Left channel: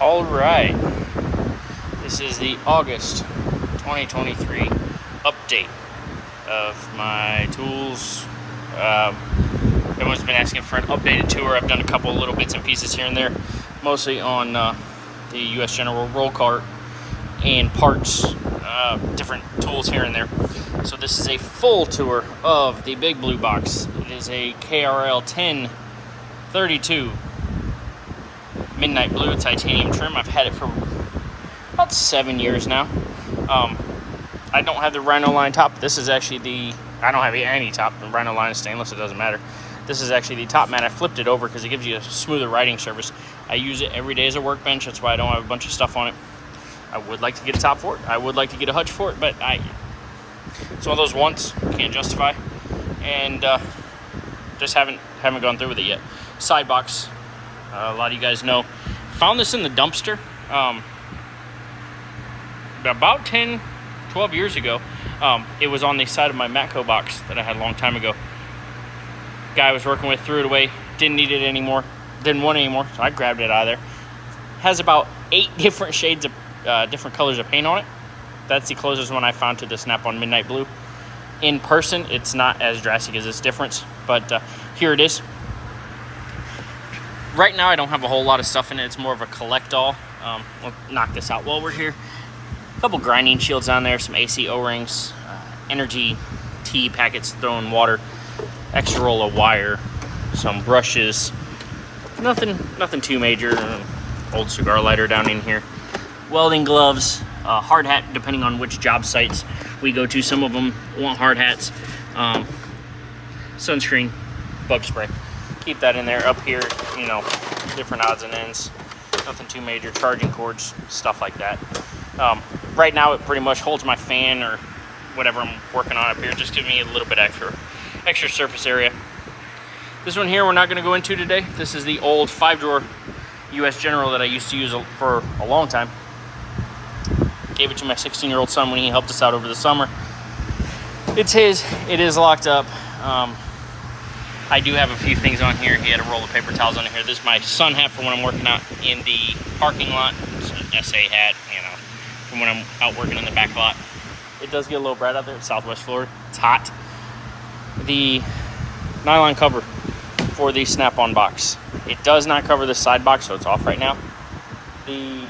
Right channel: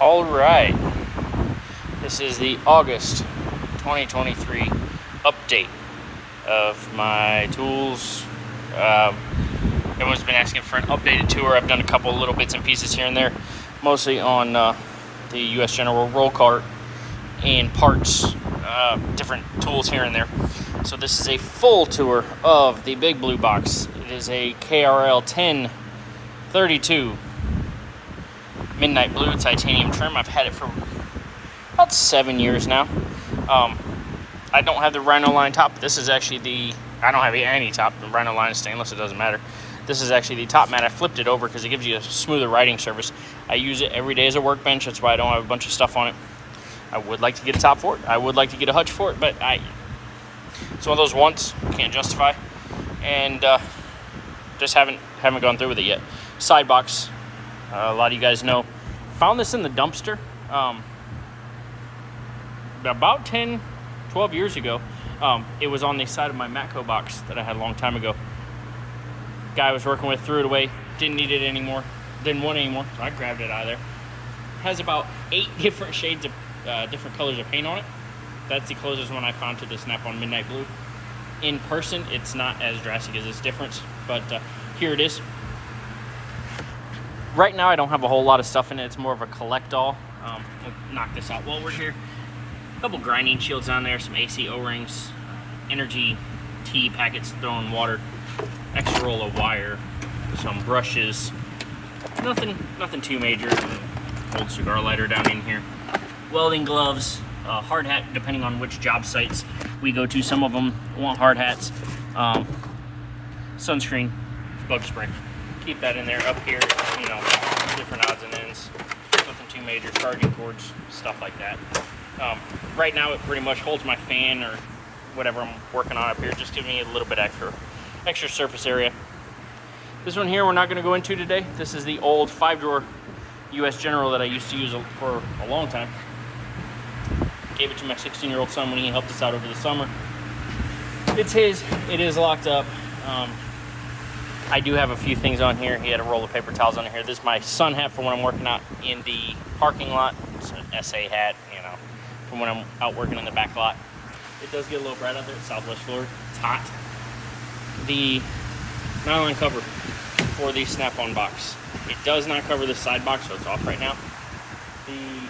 All right, this is the August 2023 update of my tools. Everyone's been asking for an updated tour. I've done a couple little bits and pieces here and there, mostly on the U.S. General roll cart and parts, different tools here and there. So this is a full tour of the big blue box. It is a KRL 1032 midnight blue titanium trim. I've had it for about 7 years now. I don't have the Rhino line top. This is actually I don't have any top. The Rhino line is stainless, it doesn't matter. This is actually the top mat. I flipped it over because it gives you a smoother riding surface. I use it every day as a workbench. That's why I don't have a bunch of stuff on it. I would like to get a top for it. I would like to get a hutch for it, but it's one of those wants I can't justify, and just haven't gone through with it yet. Side box. A lot of you guys know. Found this in the dumpster about 10, 12 years ago. It was on the side of my Matco box that I had a long time ago. Guy I was working with threw it away. Didn't need it anymore. Didn't want it anymore, so I grabbed it out of there. Has about 8 different shades of different colors of paint on it. That's the closest one I found to the Snap-on Midnight Blue. In person, it's not as drastic as this difference, but here it is. Right now, I don't have a whole lot of stuff in it. It's more of a collect-all. We'll knock this out while we're here. A couple grinding shields on there, some AC O-rings, energy tea packets thrown water, extra roll of wire, some brushes. Nothing too major. Old cigar lighter down in here. Welding gloves, hard hat, depending on which job sites we go to. Some of them want hard hats. Sunscreen, bug spray. Keep that in there. Up here, different odds and ends. Nothing too major. Charging cords, stuff like that. Right now, it pretty much holds my fan or whatever I'm working on up here. Just give me a little bit extra surface area. This one here, we're not going to go into today. This is the old 5-drawer U.S. General that I used to use for a long time. Gave it to my 16-year-old son when he helped us out over the summer. It's his. It is locked up. I do have a few things on here. He had a roll of paper towels on here. This is my sun hat for when I'm working out in the parking lot. It's an SA hat, from when I'm out working in the back lot. It does get a little bright out there. It's Southwest Florida. It's hot. The nylon cover for the Snap-on box. It does not cover the side box, so it's off right now. The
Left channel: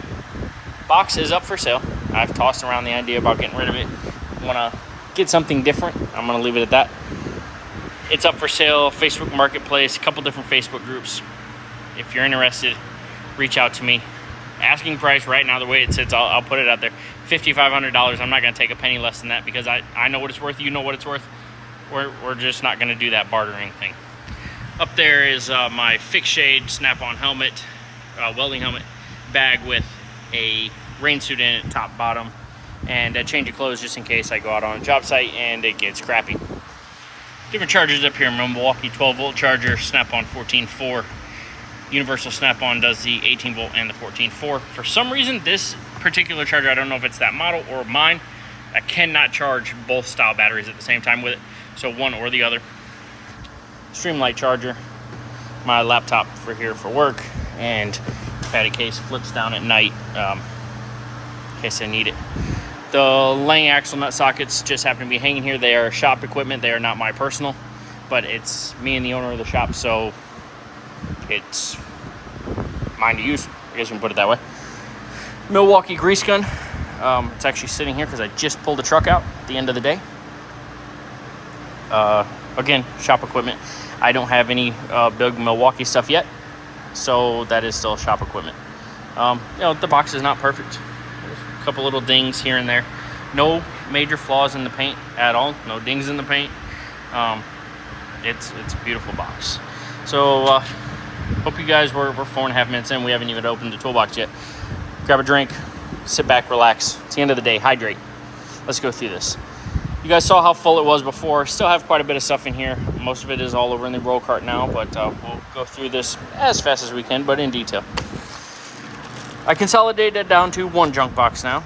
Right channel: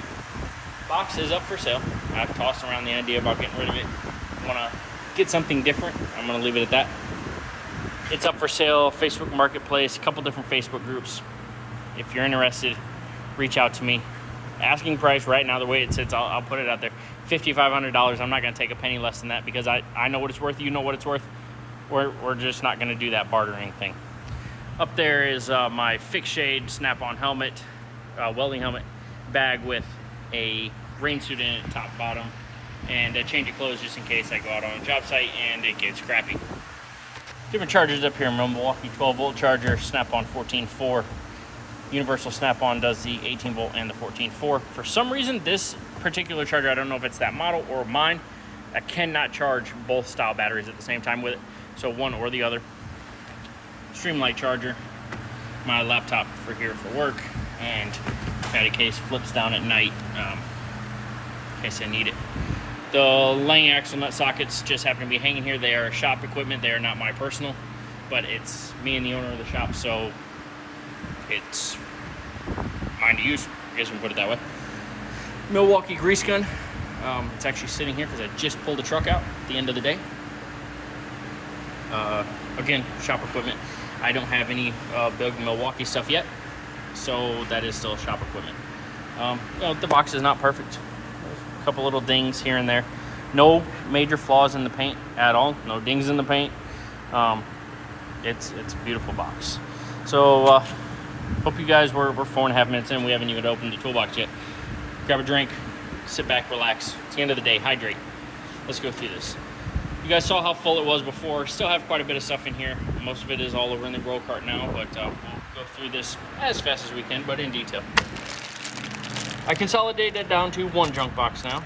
box is up for sale. I've tossed around the idea about getting rid of it. I'm gonna get something different. I'm gonna leave it at that. It's up for sale, Facebook Marketplace, a couple different Facebook groups. If you're interested, reach out to me. Asking price right now, the way it sits, I'll put it out there. $5,500. I'm not gonna take a penny less than that because I know what it's worth. You know what it's worth. We're just not gonna do that bartering thing. Up there is my fixed shade Snap-on helmet, welding helmet bag with a rain suit in it, top, bottom, and a change of clothes just in case I go out on a job site and it gets crappy. Different chargers up here. Milwaukee 12-volt charger, Snap-on 14.4. Universal Snap-on does the 18-volt and the 14.4. For some reason, this particular charger, I don't know if it's that model or mine, I cannot charge both style batteries at the same time with it. So one or the other. Streamlight charger. My laptop for here for work. And fatty case flips down at night in case I need it. The Lang axle nut sockets just happen to be hanging here. They are shop equipment. They are not my personal, but it's me and the owner of the shop, so it's mine to use. I guess we can put it that way. Milwaukee grease gun. It's actually sitting here because I just pulled the truck out at the end of the day. Again, shop equipment. I don't have any big Milwaukee stuff yet, so that is still shop equipment. The box is not perfect. There's a couple little dings here and there. No major flaws in the paint at all. No dings in the paint. It's a beautiful box. So hope you guys we're 4.5 minutes in. We haven't even opened the toolbox yet. Grab a drink, sit back, relax. It's the end of the day. Hydrate. Let's go through this. You guys saw how full it was before. Still have quite a bit of stuff in here. Most of it is all over in the roll cart now, but we'll go through this as fast as we can, but in detail. I consolidated it down to one junk box now.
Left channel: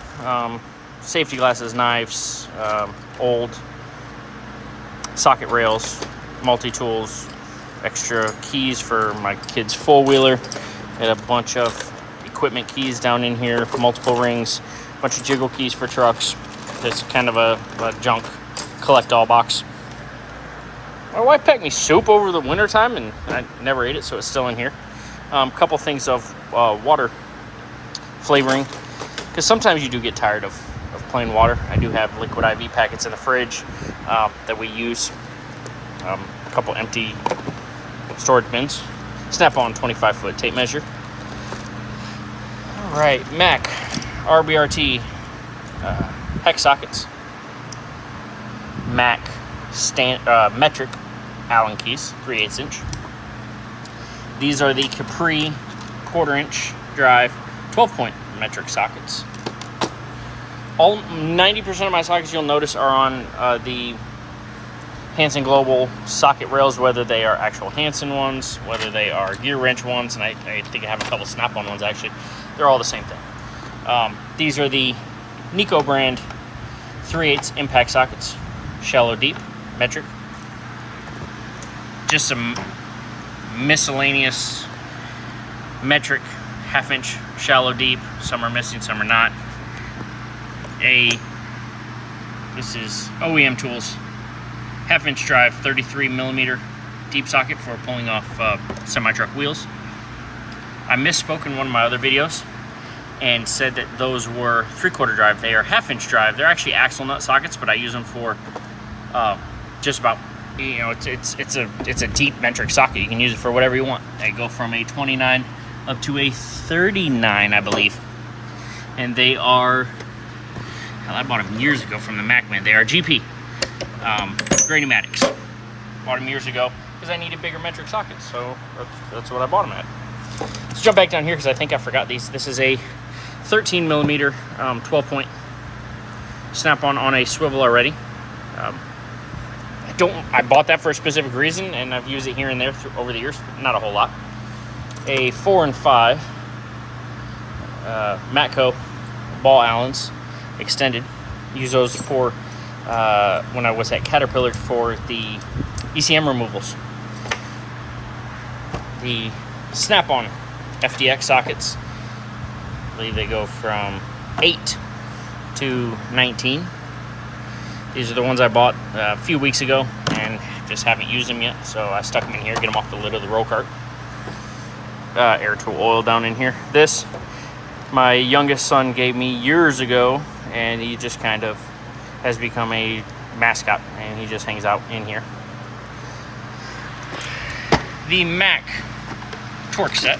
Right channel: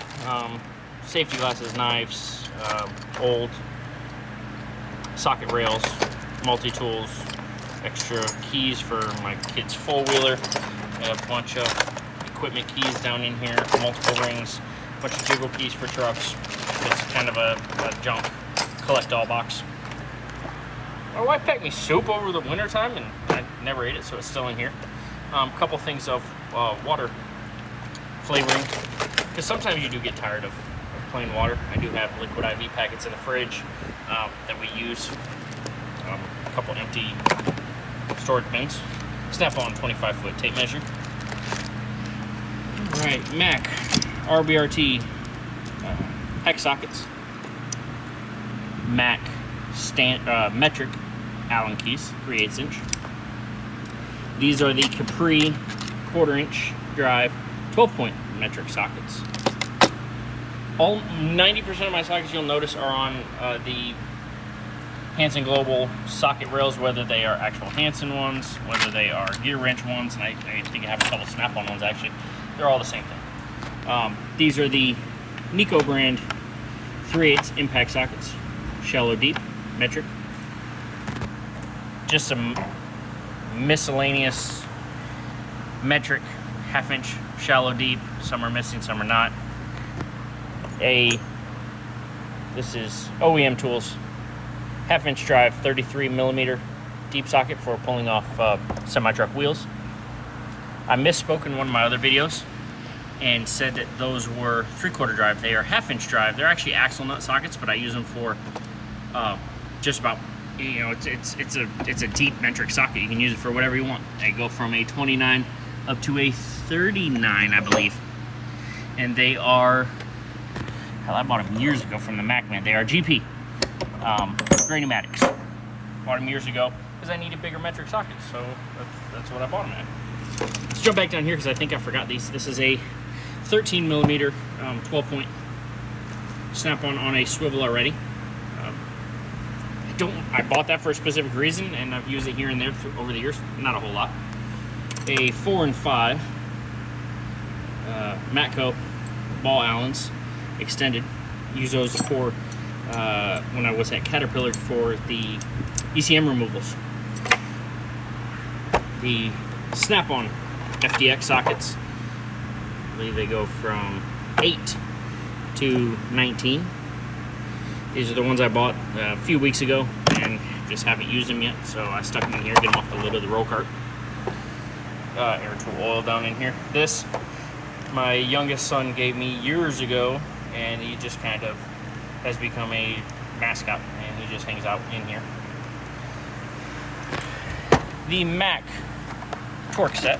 Safety glasses, knives, old socket rails, multi-tools, extra keys for my kid's four-wheeler, and a bunch of equipment keys down in here, multiple rings, a bunch of jiggle keys for trucks. It's kind of a junk collect-all box. My wife packed me soup over the winter time, and I never ate it, so it's still in here. A couple things of water flavoring, because sometimes you do get tired of plain water. I do have liquid IV packets in the fridge that we use. A couple empty storage bins. Snap-on 25-foot tape measure. All right, Mac RBRT hex sockets. Mac metric Allen keys, 3/8 inch. These are the Capri 1/4 inch drive 12-point metric sockets. All 90% of my sockets, you'll notice, are on the Hansen Global socket rails, whether they are actual Hansen ones, whether they are gear wrench ones, and I think I have a couple Snap-on ones actually. They're all the same thing. These are the Nico brand 3/8 impact sockets, shallow deep metric. Just some miscellaneous metric 1/2 inch shallow deep. Some are missing, some are not. This is OEM Tools 1/2 inch drive 33 millimeter deep socket for pulling off semi-truck wheels. I misspoke in one of my other videos and said that those were 3/4 drive. They are 1/2 inch drive. They're actually axle nut sockets, but I use them for just about, you know, it's a deep metric socket. You can use it for whatever you want. They go from a 29 up to a 39, I believe. And they are, hell, I bought them years ago from the Mac man. They are GP, gray pneumatics. Bought them years ago because I needed bigger metric sockets, so that's what I bought them at. Let's jump back down here because I think I forgot these. This is a 13 millimeter 12-point Snap-on on a swivel already. I bought that for a specific reason, and I've used it here and there over the years. Not a whole lot. A 4 and 5 Matco ball Allens extended. Use those for when I was at Caterpillar for the ECM removals. The Snap-on FDX sockets, I believe they go from 8 to 19. These are the ones I bought a few weeks ago and just haven't used them yet, so I stuck them in here, get them off the lid of the roll cart. Air tool oil down in here. This, my youngest son gave me years ago, and he just kind of has become a mascot, and he just hangs out in here. The Mac torque set.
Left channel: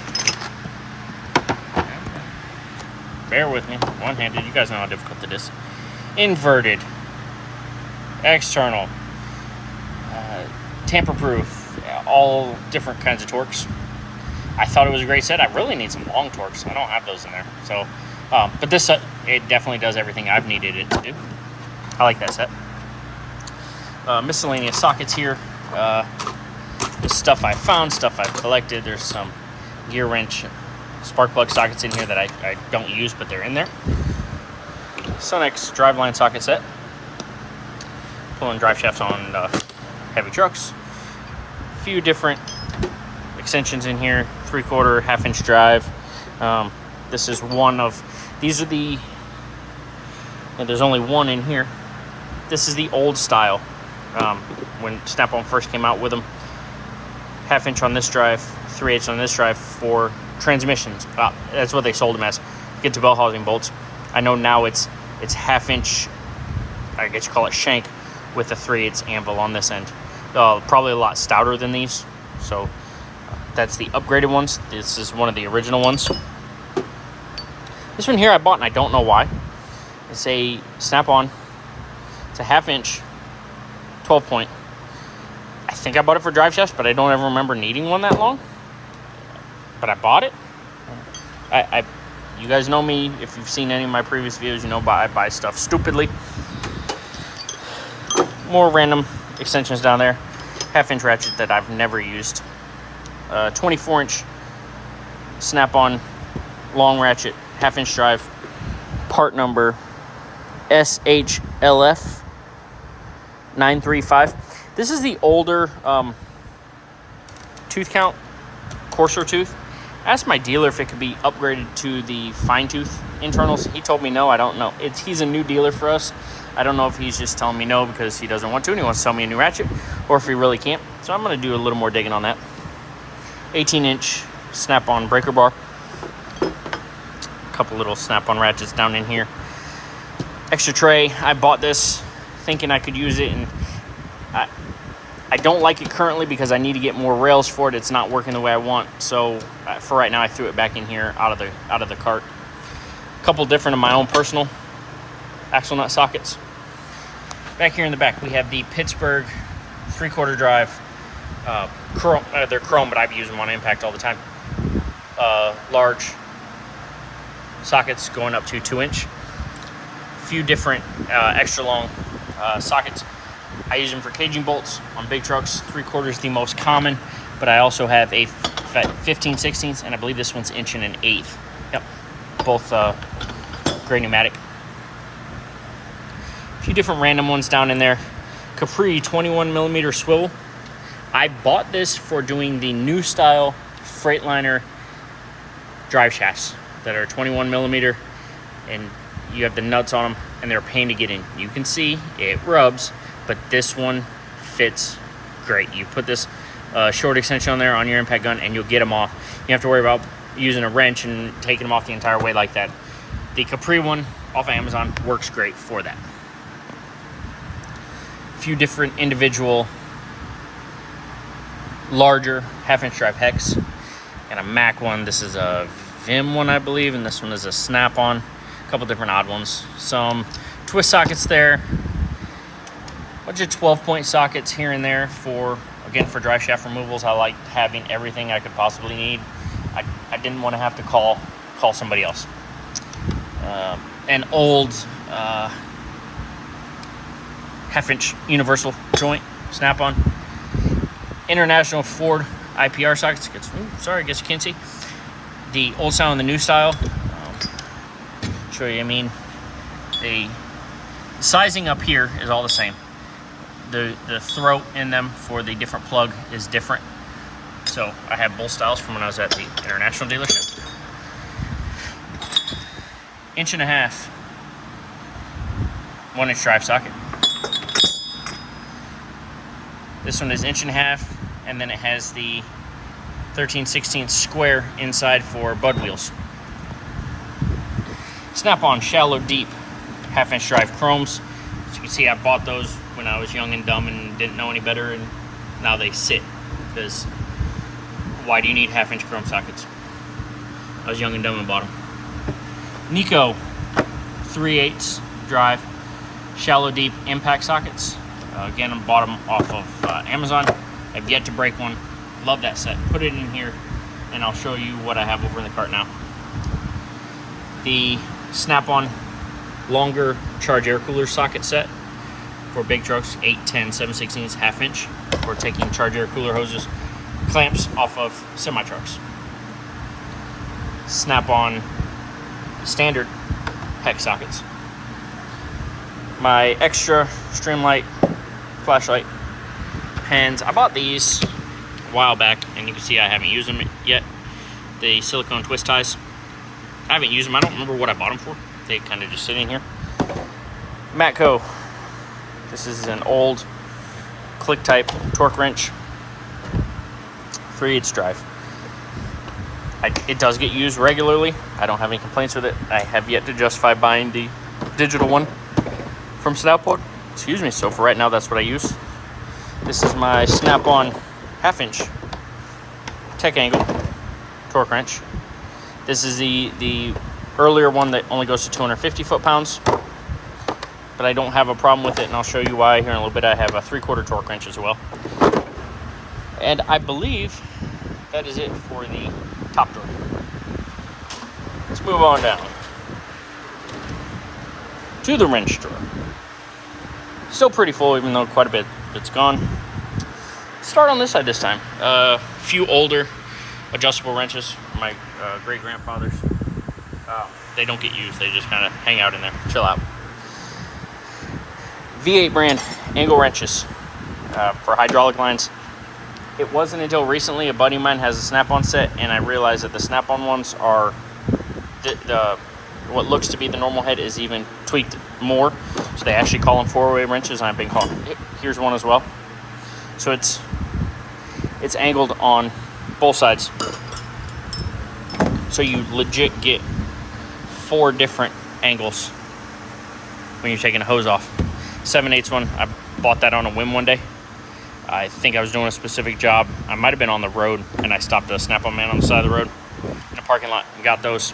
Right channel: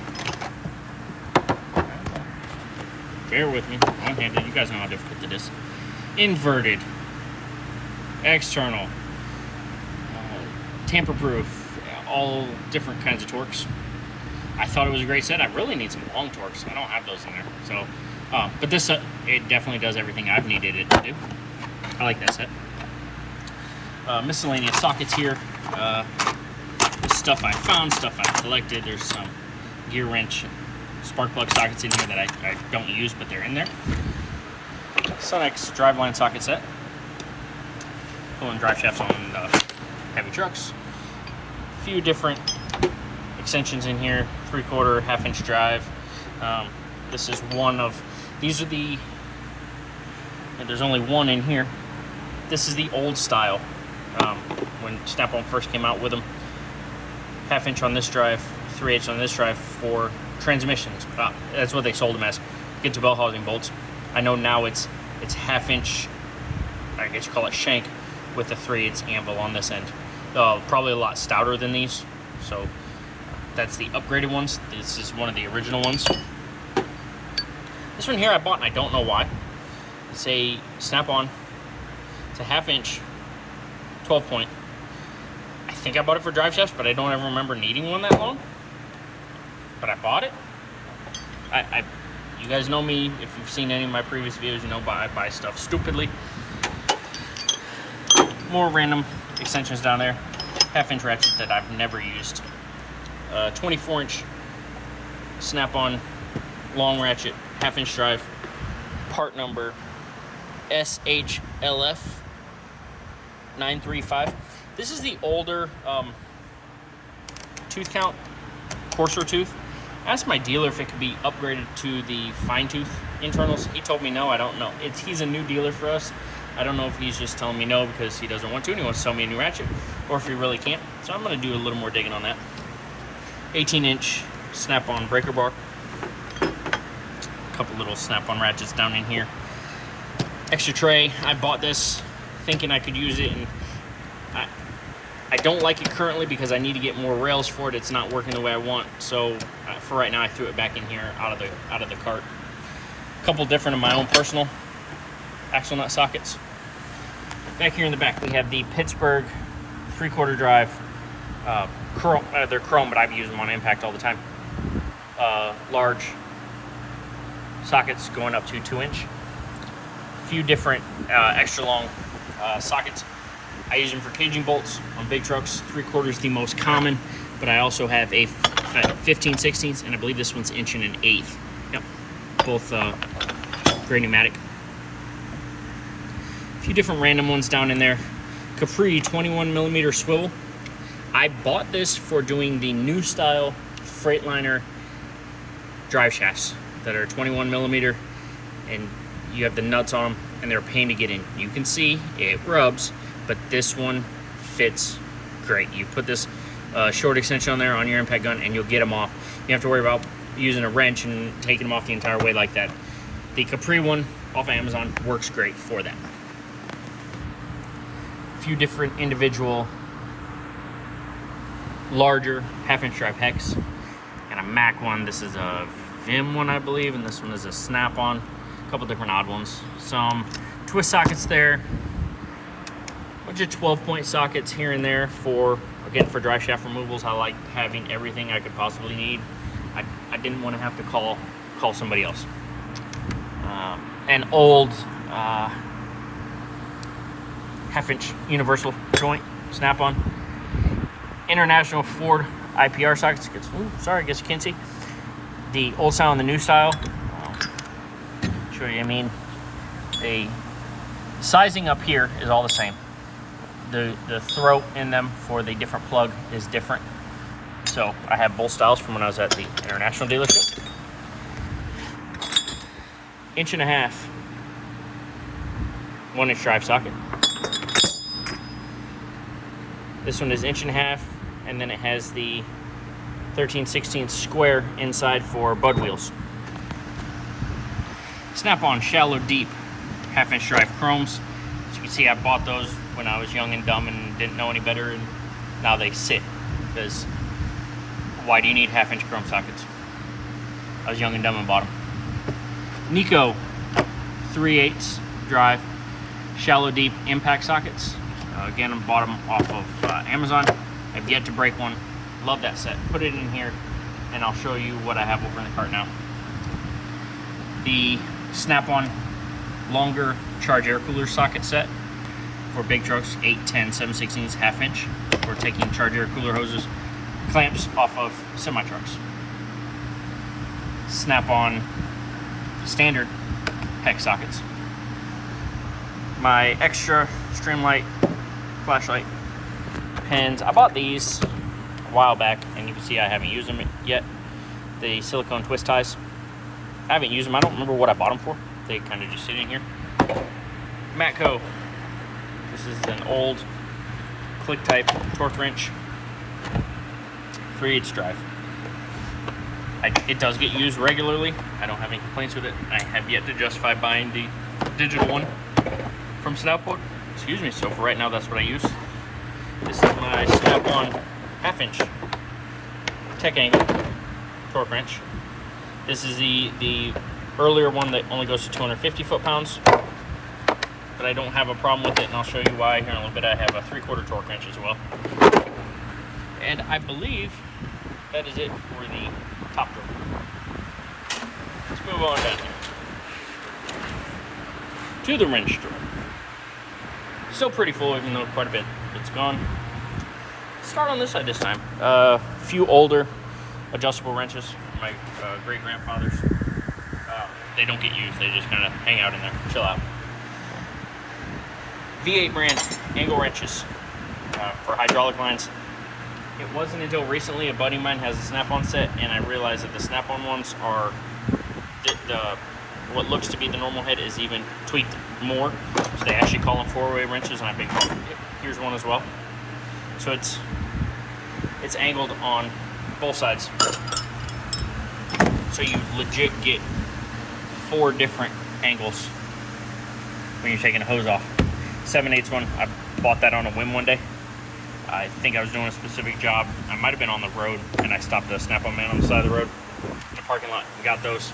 Bear with me, one-handed. You guys know how difficult it is. Inverted, external, tamper-proof, all different kinds of torques. I thought it was a great set. I really need some long torques. I don't have those in there. So, but this set, it definitely does everything I've needed it to do. I like that set. Miscellaneous sockets here. Stuff I found, stuff I collected. There's some gear wrench, spark plug sockets in here that I don't use, but they're in there. Sonex driveline socket set. Pulling drive shafts on heavy trucks. A few different extensions in here. 3/4, 1/2 inch drive. This is one of, these are the, there's only one in here. This is the old style. When Snap-on first came out with them. 1/2 inch on this drive, 3/8 on this drive for transmissions. That's what they sold them as. Get to bell housing bolts. I know now it's 1/2 inch, I guess you call it shank, with a 3/8 anvil on this end. Probably a lot stouter than these. So that's the upgraded ones. This is one of the original ones. This one here I bought and I don't know why. It's a Snap-on. It's a 1/2 inch 12-point. I think I bought it for drive shafts, but I don't ever remember needing one that long. But I bought it. You guys know me. If you've seen any of my previous videos, you know I buy stuff stupidly. More random extensions down there. 1/2 inch ratchet that I've never used. 24 inch Snap-on long ratchet, 1/2 inch drive. Part number SHLF 935. This is the older tooth count, coarser tooth. Asked my dealer if it could be upgraded to the fine tooth internals. He told me no. I don't know. He's a new dealer for us. I don't know if he's just telling me no because he doesn't want to and he wants to sell me a new ratchet, or if he really can't. So I'm going to do a little more digging on that. 18-inch snap-on breaker bar. A couple little snap-on ratchets down in here. Extra tray. I bought this thinking I could use it, and I don't like it currently because I need to get more rails for it. It's not working the way I want. So for right now, I threw it back in here out of the cart. A couple different of my own personal axle nut sockets. Back here in the back, we have the Pittsburgh 3/4 drive. Chrome, they're chrome, but I've used them on impact all the time. Large sockets going up to 2-inch. A few different extra long sockets. I use them for caging bolts on big trucks. 3/4 the most common, but I also have a 15/16, and I believe this one's 1 1/8. Yep, both gray pneumatic. A few different random ones down in there. Capri 21mm swivel. I bought this for doing the new style Freightliner drive shafts that are 21mm, and you have the nuts on them, and they're a pain to get in. You can see it rubs, but this one fits great. You put this short extension on there on your impact gun and you'll get them off. You don't have to worry about using a wrench and taking them off the entire way like that. The Capri one off of Amazon works great for that. A few different individual larger 1/2-inch drive hex and a Mac one. This is a Vim one, I believe, and this one is a snap-on. A couple different odd ones. Some twist sockets there. Bunch of 12-point sockets here and there for drive shaft removals. I like having everything I could possibly need. I didn't want to have to call somebody else. An old 1/2-inch universal joint snap-on. International Ford IPR sockets. I guess you can't see. The old style and the new style. Show you, the sizing up here is all the same. The throat in them for the different plug is different. So I have both styles from when I was at the international dealership. 1 1/2 1-inch drive socket. This one is 1 1/2, and then it has the 13/16 square inside for bud wheels. Snap-on shallow deep 1/2-inch drive chromes. As you can see, I bought those when I was young and dumb and didn't know any better, and now they sit, because why do you need 1/2-inch chrome sockets? I was young and dumb and bought them. Nico 3/8 drive shallow deep impact sockets. Again, I bought them off of Amazon. I've yet to break one. Love that set. Put it in here and I'll show you what I have over in the cart now. The snap-on longer charge air cooler socket set for big trucks, 8, 10, 7/16, 1/2-inch, for taking charge air cooler hoses, clamps off of semi-trucks. Snap-on standard hex sockets. My extra Streamlight flashlight pens. I bought these a while back, and you can see I haven't used them yet. The silicone twist ties. I haven't used them. I don't remember what I bought them for. They kind of just sit in here. Matco. This is an old click type torque wrench, 3/8 drive. It does get used regularly. I don't have any complaints with it. I have yet to justify buying the digital one from Snap-on. Excuse me. So for right now, that's what I use. This is my Snap-on 1/2-inch tech angle torque wrench. This is the earlier one that only goes to 250 foot-pounds, but I don't have a problem with it, and I'll show you why here in a little bit. I have a 3/4 torque wrench as well. And I believe that is it for the top drawer. Let's move on down to the wrench drawer. Still pretty full, even though quite a bit it's gone. Start on this side this time. A few older adjustable wrenches from my great-grandfathers. They don't get used. They just kind of hang out in there, chill out. V8 brand angle wrenches for hydraulic lines. It wasn't until recently a buddy of mine has a snap-on set, and I realized that the snap-on ones are what looks to be the normal head is even tweaked more. So they actually call them 4-way wrenches, and I've been calling. Here's one as well. So it's angled on both sides. So you legit get 4 different angles when you're taking a hose off. 7/8 one, I bought that on a whim one day. I think I was doing a specific job. I might have been on the road, and I stopped a snap-on man on the side of the road in a parking lot and got those.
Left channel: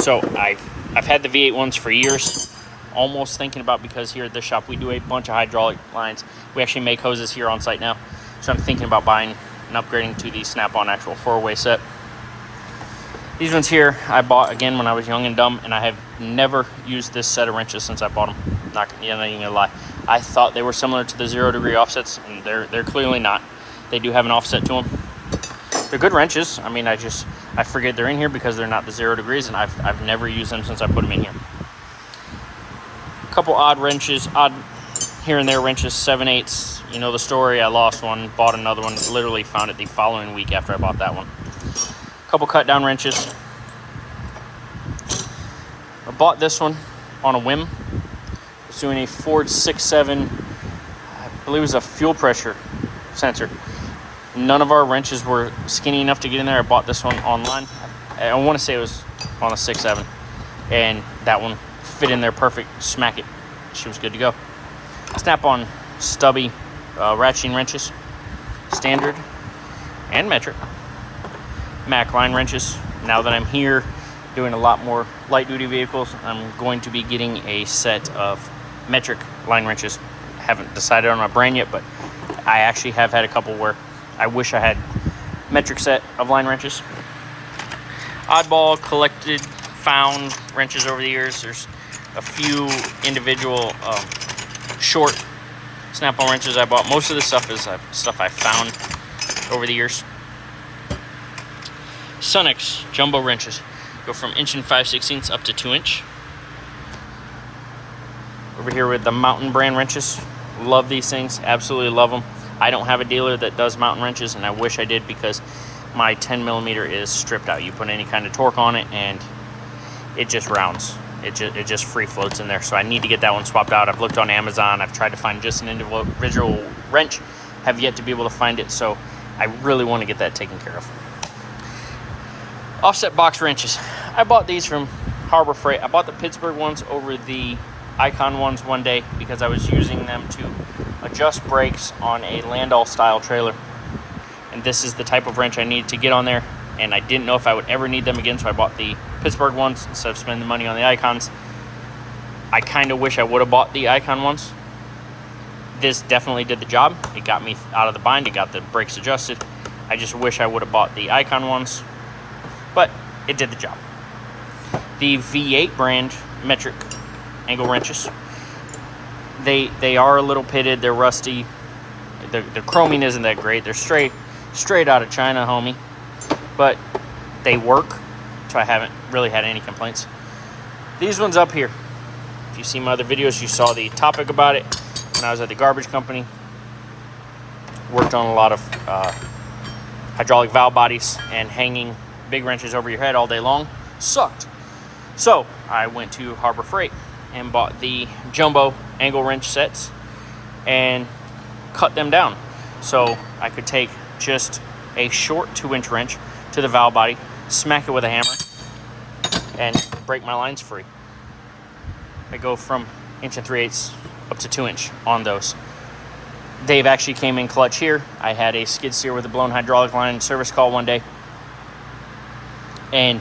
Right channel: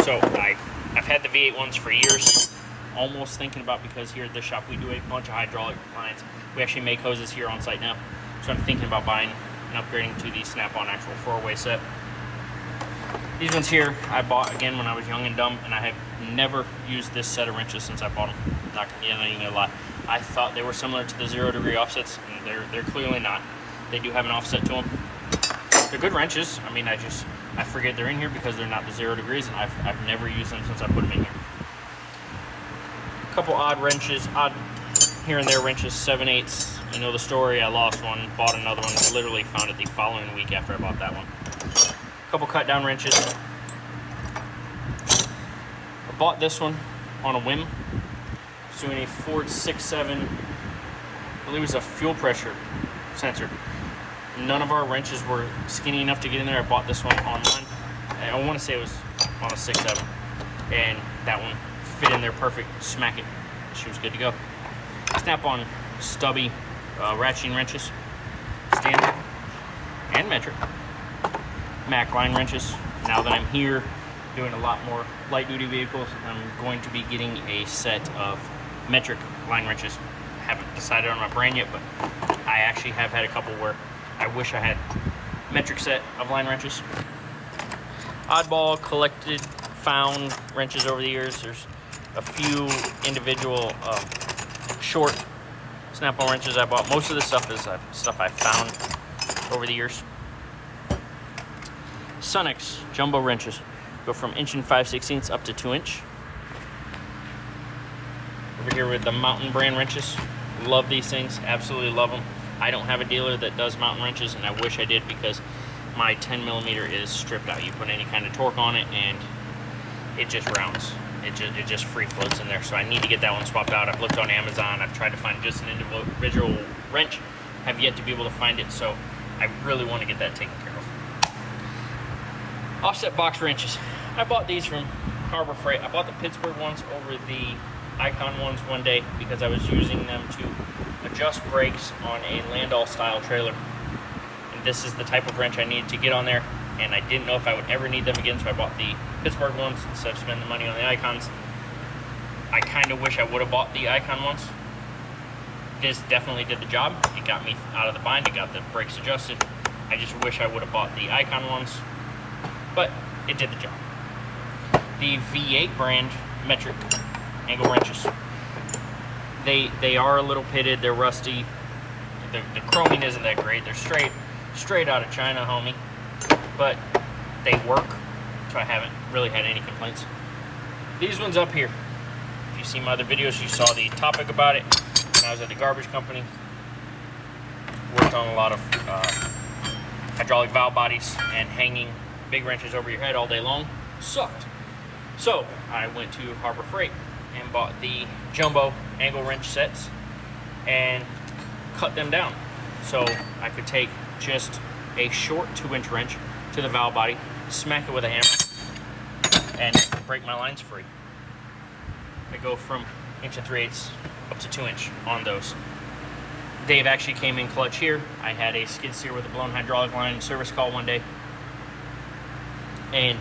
So I've had the V8 ones for years, almost thinking about, because here at this shop we do a bunch of hydraulic lines. We actually make hoses here on site now. So I'm thinking about buying and upgrading to the snap-on actual 4-way set. These ones here I bought again when I was young and dumb, and I have never used this set of wrenches since I bought them. Not even gonna lie. I thought they were similar to the 0-degree offsets, and they're clearly not. They do have an offset to them. They're good wrenches. I mean, I forget they're in here because they're not the 0 degrees, and I've never used them since I put them in here. A couple odd wrenches, odd here and there wrenches, 7/8. You know the story. I lost one, bought another one, literally found it the following week after I bought that one. A couple cut down wrenches. I bought this one on a whim. It's doing a Ford 6.7, I believe it was a fuel pressure sensor. None of our wrenches were skinny enough to get in there. I bought this one online. I want to say it was on a 6.7, and that one fit in there perfect. Smack it. She was good to go. Snap-on stubby ratcheting wrenches, standard and metric. Mac line wrenches. Now that I'm here doing a lot more light-duty vehicles, I'm going to be getting a set of metric line wrenches. Haven't decided on my brand yet, but I actually have had a couple where I wish I had metric set of line wrenches. Oddball collected, found wrenches over the years. There's a few individual short snap-on wrenches I bought. Most of the stuff is stuff I found over the years. Sunex jumbo wrenches go from 1 5/16 up to 2 inch. Over here with the Mountain brand wrenches. Love these things, absolutely love them. I don't have a dealer that does Mountain wrenches, and I wish I did, because my 10mm is stripped out. You put any kind of torque on it and it just rounds. It just free floats in there. So I need to get that one swapped out. I've looked on Amazon. I've tried to find just an individual wrench. Have yet to be able to find it, so I really want to get that taken care of. Offset box wrenches. I bought these from Harbor Freight. I bought the Pittsburgh ones over the Icon ones one day because I was using them to adjust brakes on a Landau style trailer, and this is the type of wrench I needed to get on there, and I didn't know if I would ever need them again, so I bought the Pittsburgh ones instead of spending the money on the Icons. I kind of wish I would have bought the Icon ones. This definitely did the job. It got me out of the bind. It got the brakes adjusted. I just wish I would have bought the Icon ones, but it did the job. The V8 brand metric angle wrenches, they are a little pitted. They're rusty. The chroming isn't that great. They're straight out of China, homie, but they work, so I haven't really had any complaints. These ones up here, if you see my other videos, you saw the topic about it when I was at the garbage company. Worked on a lot of hydraulic valve bodies, and hanging big wrenches over your head all day long sucked. So I went to Harbor Freight and bought the jumbo angle wrench sets and cut them down so I could take just a short 2-inch wrench to the valve body, smack it with a hammer, and break my lines free. I go from 1 3/8 up to 2 inch on those. Dave actually came in clutch here. I had a skid steer with a blown hydraulic line service call one day, and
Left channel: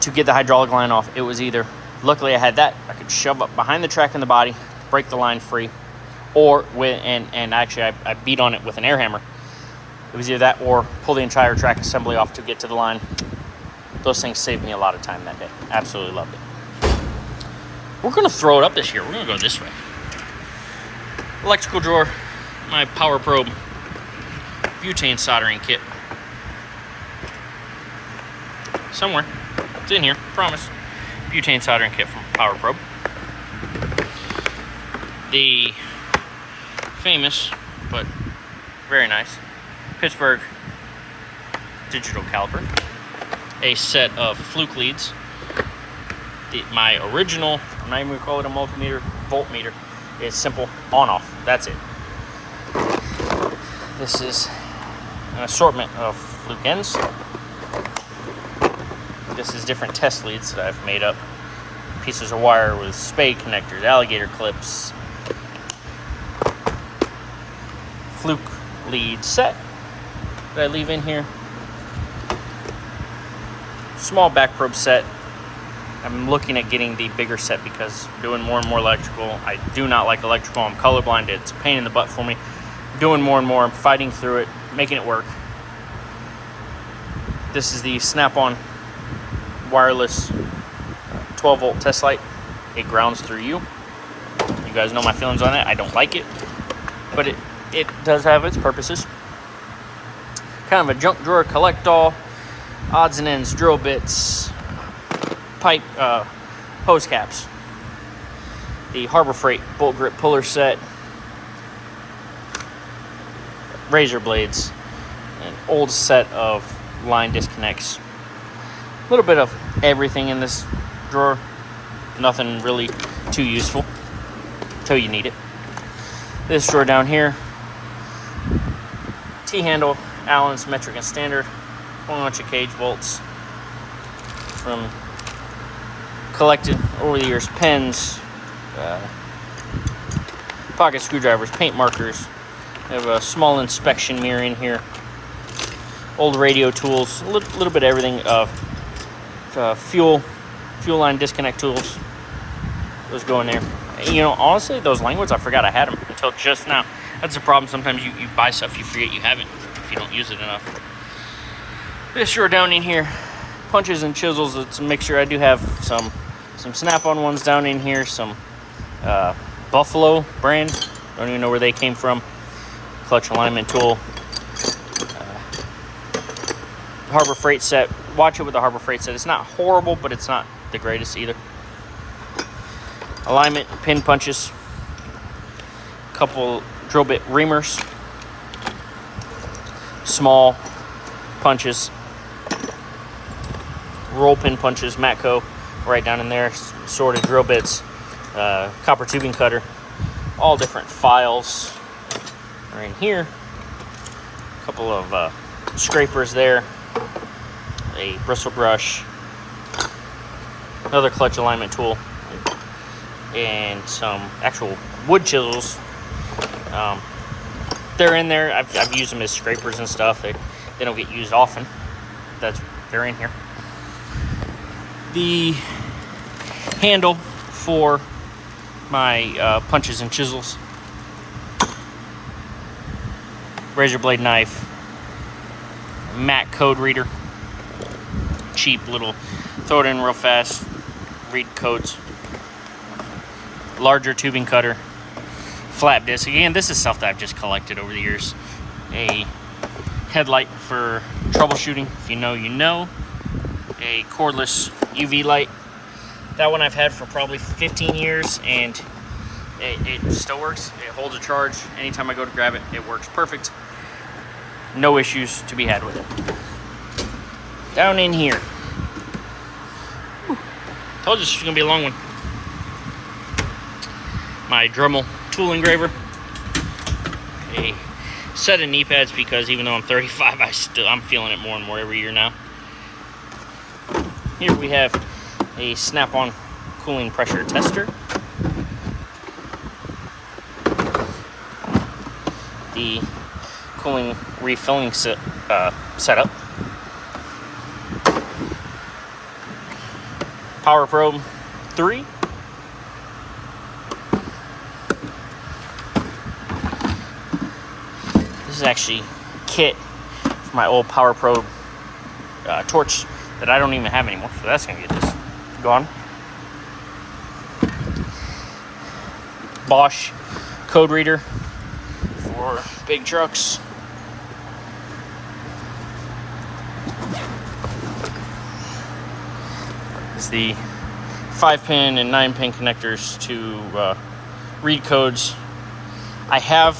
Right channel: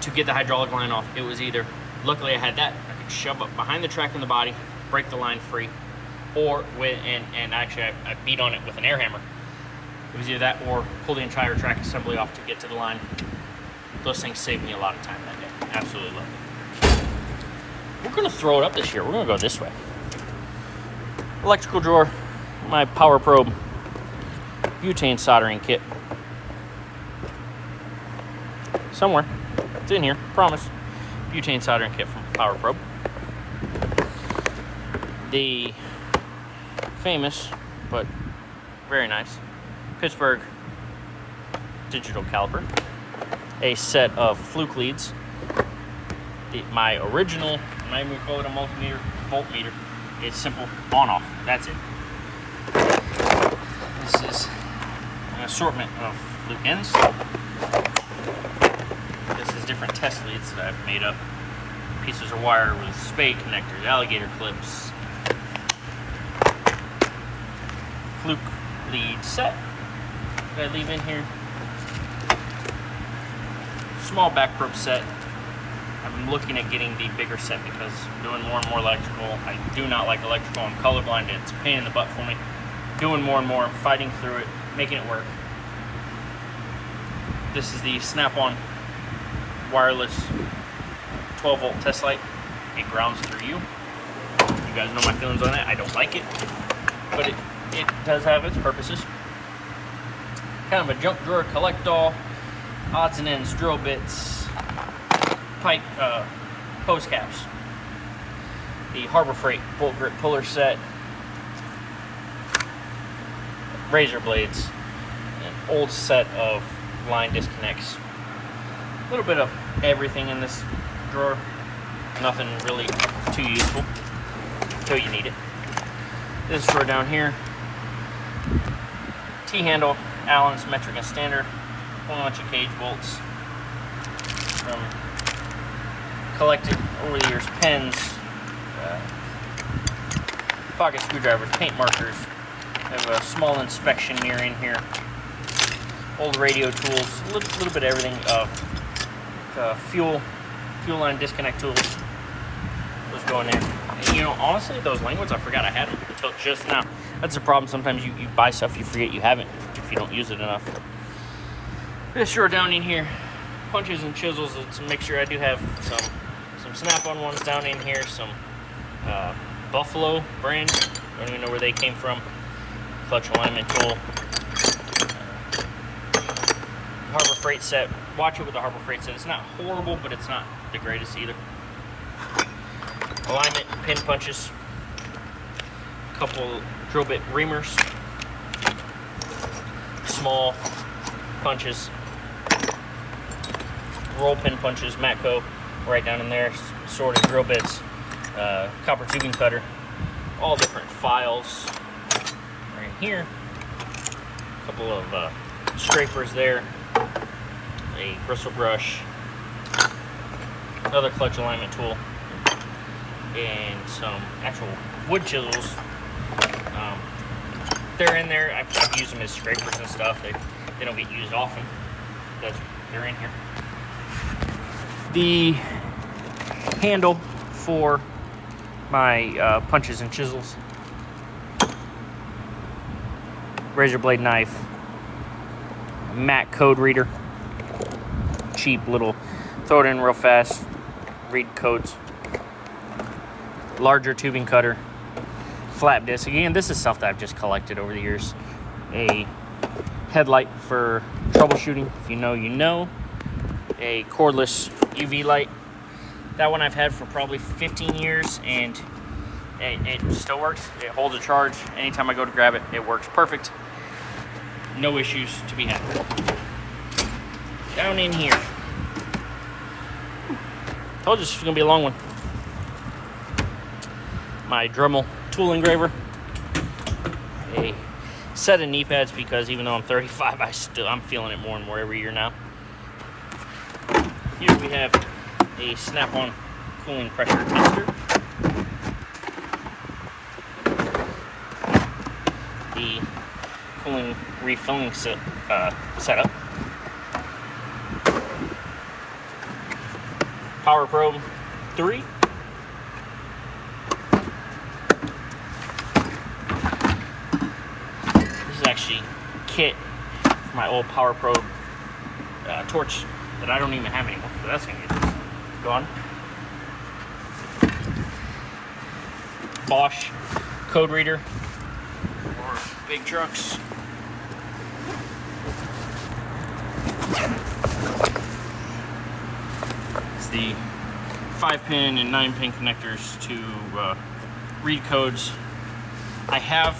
to get the hydraulic line off, it was either, luckily I had that, I could shove up behind the track in the body, break the line free, or and actually I beat on it with an air hammer. It was either that or pull the entire track assembly off to get to the line. Those things saved me a lot of time that day. Absolutely loved it. We're gonna throw it up this year. We're gonna go this way. Electrical drawer, my power probe, butane soldering kit. Somewhere, it's in here, promise. Butane soldering kit from Power Probe. The famous but very nice. Pittsburgh digital caliper. A set of fluke leads. My original, I'm not even going to call it a multimeter, voltmeter, is simple on-off. That's it. This is an assortment of fluke ends. This is different test leads that I've made up. Pieces of wire with spade connectors, alligator clips. Fluke lead set that I leave in here. Small back probe set. I'm looking at getting the bigger set because I'm doing more and more electrical. I do not like electrical. I'm colorblind. It's a pain in the butt for me. Doing more and more. I'm fighting through it, making it work. This is the snap-on wireless 12-volt test light. It grounds through you. You guys know my feelings on it. I don't like it, but it does have its purposes. Kind of a junk drawer collect-all. Odds and ends, drill bits, pipe, hose caps, the Harbor Freight bolt grip puller set, razor blades, an old set of line disconnects. A little bit of everything in this drawer. Nothing really too useful until you need it. This drawer down here, T-handle, Allen's metric and standard. A whole bunch of cage bolts from collected over the years, pens, pocket screwdrivers, paint markers. I have a small inspection mirror in here, old radio tools, a little bit of everything, fuel line disconnect tools. Those go in there. You know, honestly, those languages, I forgot I had them until just now. That's the problem. Sometimes you buy stuff you forget you have it if you don't use it enough. This drawer down in here, punches and chisels. It's a mixture. I do have some snap-on ones down in here, some Buffalo brand. Don't even know where they came from. Clutch alignment tool. Harbor Freight set. Watch it with the Harbor Freight set. It's not horrible, but it's not the greatest either. Alignment pin punches. A couple drill bit reamers. Small punches. Roll pin punches, Matco, right down in there, sorted drill bits, copper tubing cutter, all different files are in here. A couple of scrapers there, a bristle brush, another clutch alignment tool, and some actual wood chisels. They're in there. I've used them as scrapers and stuff. They don't get used often. They're in here. The handle for my punches and chisels, razor blade knife, Mac code reader, cheap little, throw it in real fast, read codes, larger tubing cutter, flap disc. Again, this is stuff that I've just collected over the years. A headlight for troubleshooting, if you know, you know. A cordless UV light. That one I've had for probably 15 years and it still works. It holds a charge. Anytime I go to grab it, it works perfect. No issues to be had with it. Down in here. Told you this was gonna be a long one. My Dremel tool engraver. A set of knee pads because even though I'm 35, I'm feeling it more and more every year now. Here we have a snap-on cooling pressure tester. The cooling refilling setup. Power probe 3. This is actually kit for my old power probe torch that I don't even have anymore, so that's gonna get this gone. Bosch code reader for big trucks. It's the 5-pin and 9-pin connectors to read codes. I have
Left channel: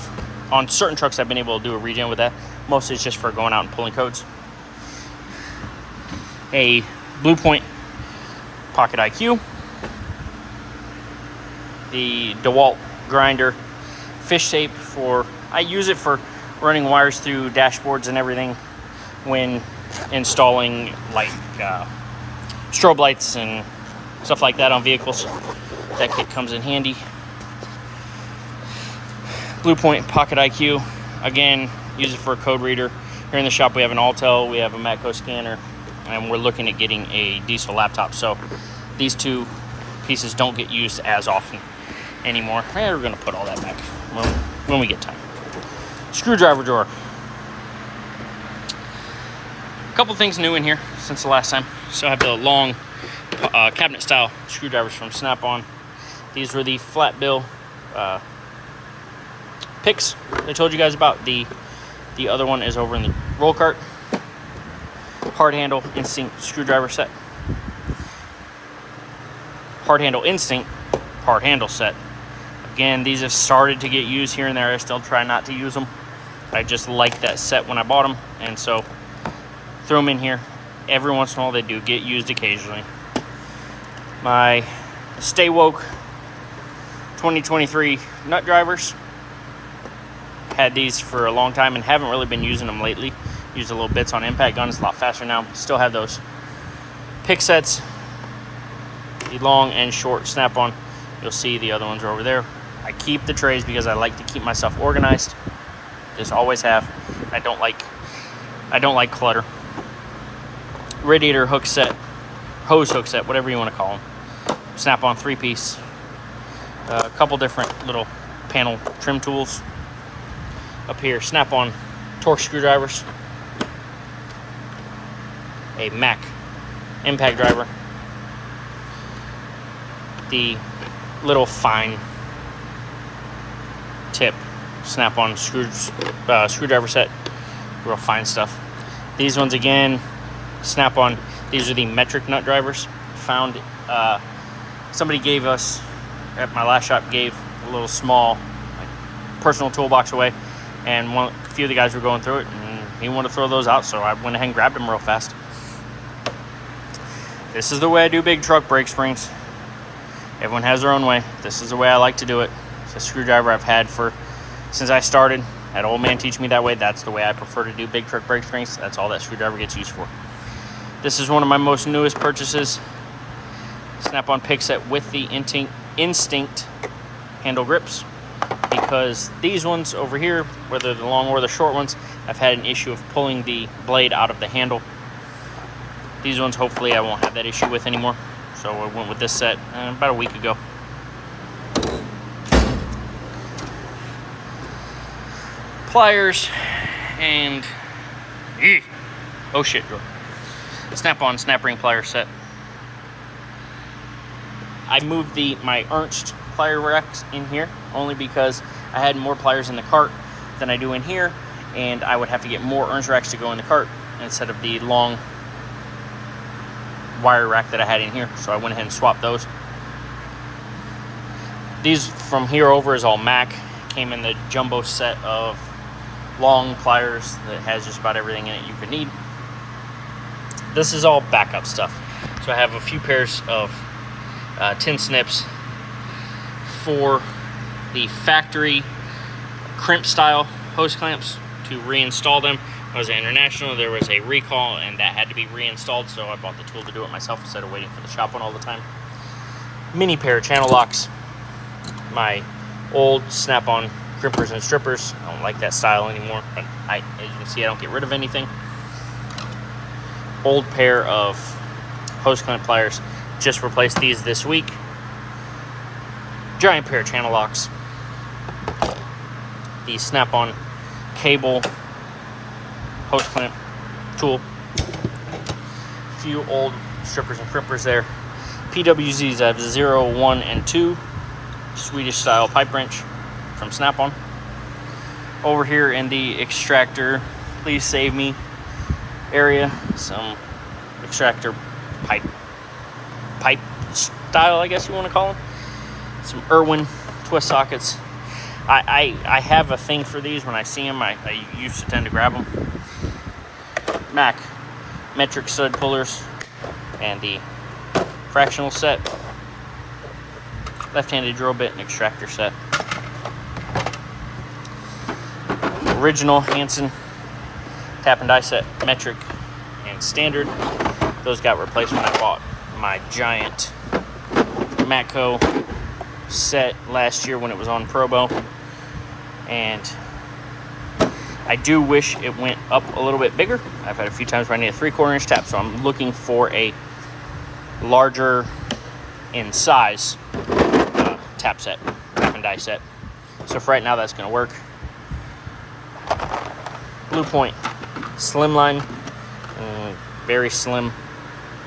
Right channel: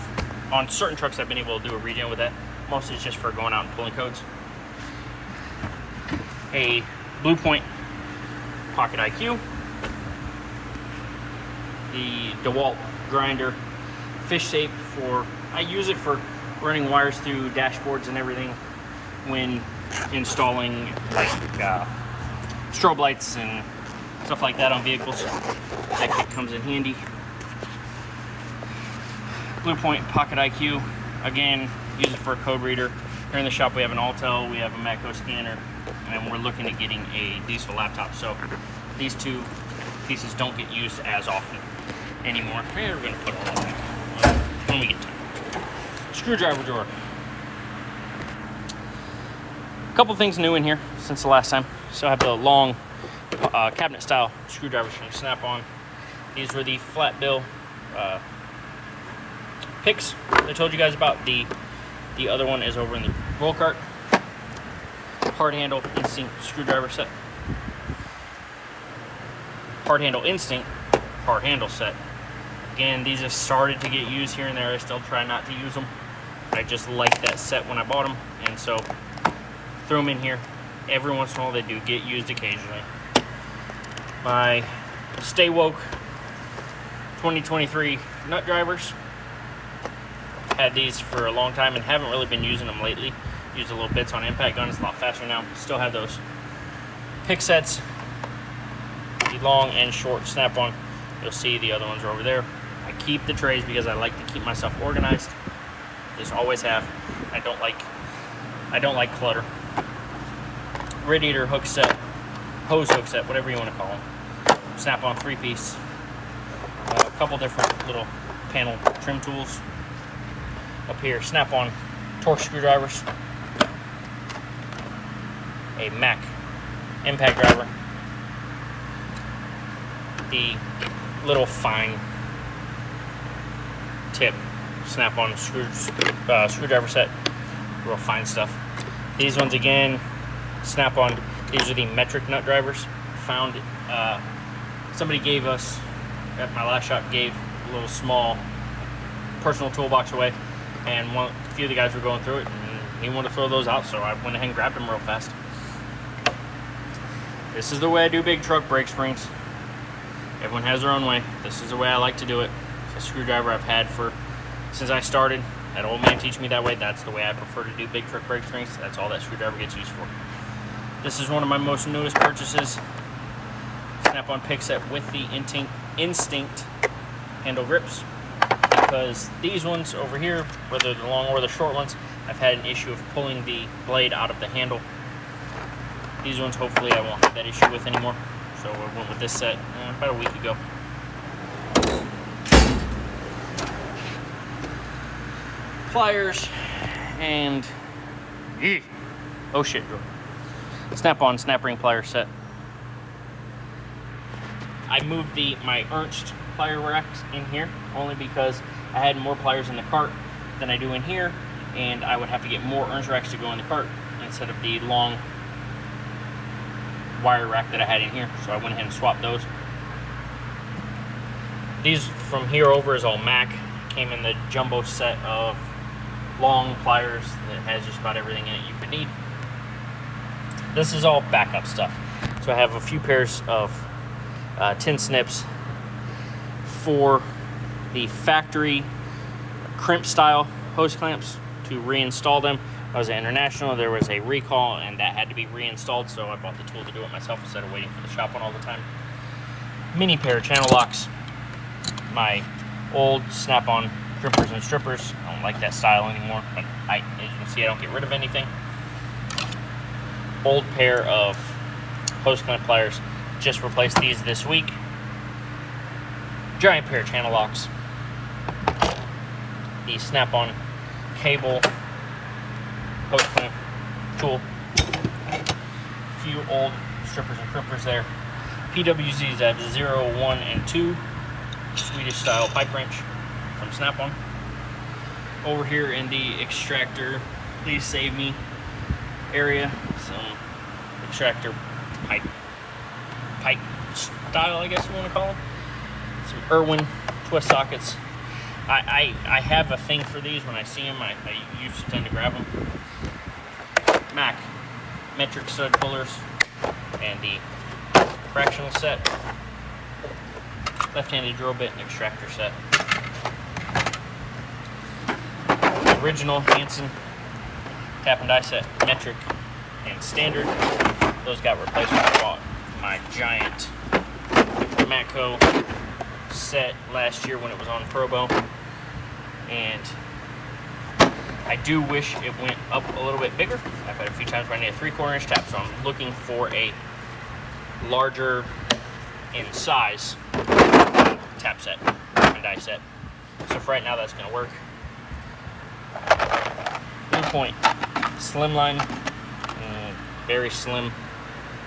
on certain trucks I've been able to do a regen with that. Mostly it's just for going out and pulling codes. A Blue Point Pocket IQ. The DeWalt grinder fish tape I use it for running wires through dashboards and everything when installing like strobe lights and stuff like that on vehicles. That kit comes in handy. Blue Point Pocket IQ, again, use it for a code reader. Here in the shop we have an Altel, we have a Matco scanner, and we're looking at getting a diesel laptop. So these two pieces don't get used as often anymore. We're gonna put all that back when we get time. Screwdriver drawer. A couple things new in here since the last time. So I have the long cabinet style screwdrivers from Snap-on. These were the flat bill picks I told you guys about. The other one is over in the roll cart. Hard handle Instinct screwdriver set. Hard handle Instinct hard handle set. Again, these have started to get used here and there. I still try not to use them. I just like that set when I bought them, and so throw them in here. Every once in a while they do get used occasionally. My Stay Woke 2023 nut drivers. Had these for a long time and haven't really been using them lately. Used a little bits on impact guns, a lot faster now. Still have those. Pick sets, the long and short Snap-on. You'll see the other ones are over there. I keep the trays because I like to keep myself organized. Just always have. I don't like clutter. Radiator hook set, hose hook set, whatever you want to call them. Snap-on 3-piece. A couple different little panel trim tools. Up here, Snap-on torque screwdrivers. A Mac impact driver. The little fine tip Snap-on screwdriver set, real fine stuff. These ones again, Snap-on. These are the metric nut drivers. Found somebody gave us at my last shop, gave a little small personal toolbox away, and a few of the guys were going through it, and he wanted to throw those out, so I went ahead and grabbed them real fast. This is the way I do big truck brake springs. Everyone has their own way. This is the way I like to do it. It's a screwdriver I've had since I started. That old man teach me that way. That's the way I prefer to do big truck brake springs. That's all that screwdriver gets used for. This is one of my most newest purchases. Snap-on pick set with the Instinct handle grips, because these ones over here, whether the long or the short ones, I've had an issue of pulling the blade out of the handle. These ones, hopefully I won't have that issue with anymore. So I went with this set about a week ago. Pliers and oh shit, drawer. Snap-on snap ring plier set. I moved my Ernst plier racks in here only because I had more pliers in the cart than I do in here, and I would have to get more Ernst racks to go in the cart instead of the long wire rack that I had in here. So I went ahead and swapped those. These from here over is all Mac. Came in the jumbo set of long pliers that has just about everything in it you could need. This is all backup stuff. So I have a few pairs of tin snips for the factory crimp style hose clamps to reinstall them. I was at International, there was a recall and that had to be reinstalled, so I bought the tool to do it myself instead of waiting for the shop one all the time. Mini pair of channel locks. My old Snap-on crimpers and strippers. I don't like that style anymore, but as you can see, I don't get rid of anything. Old pair of hose clamp pliers. Just replaced these this week. Giant pair of channel locks. The Snap-on cable hose clamp tool. A few old strippers and crimpers there. PWZs, I have 0, 1, and 2. Swedish style pipe wrench from Snap-on. Over here in the extractor, please save me area, some extractor pipe style, I guess you want to call them. Some Irwin twist sockets. I have a thing for these. When I see them, I used to tend to grab them. Mac metric stud pullers and the fractional set, left-handed drill bit and extractor set. Original Hansen tap and die set, metric and standard. Those got replaced when I bought my giant Matco set last year when it was on Probo, and I do wish it went up a little bit bigger. I've had a few times where I need a 3/4 inch tap, so I'm looking for a larger in size tap set, tap and die set. So for right now, that's going to work. Blue Point slimline, very slim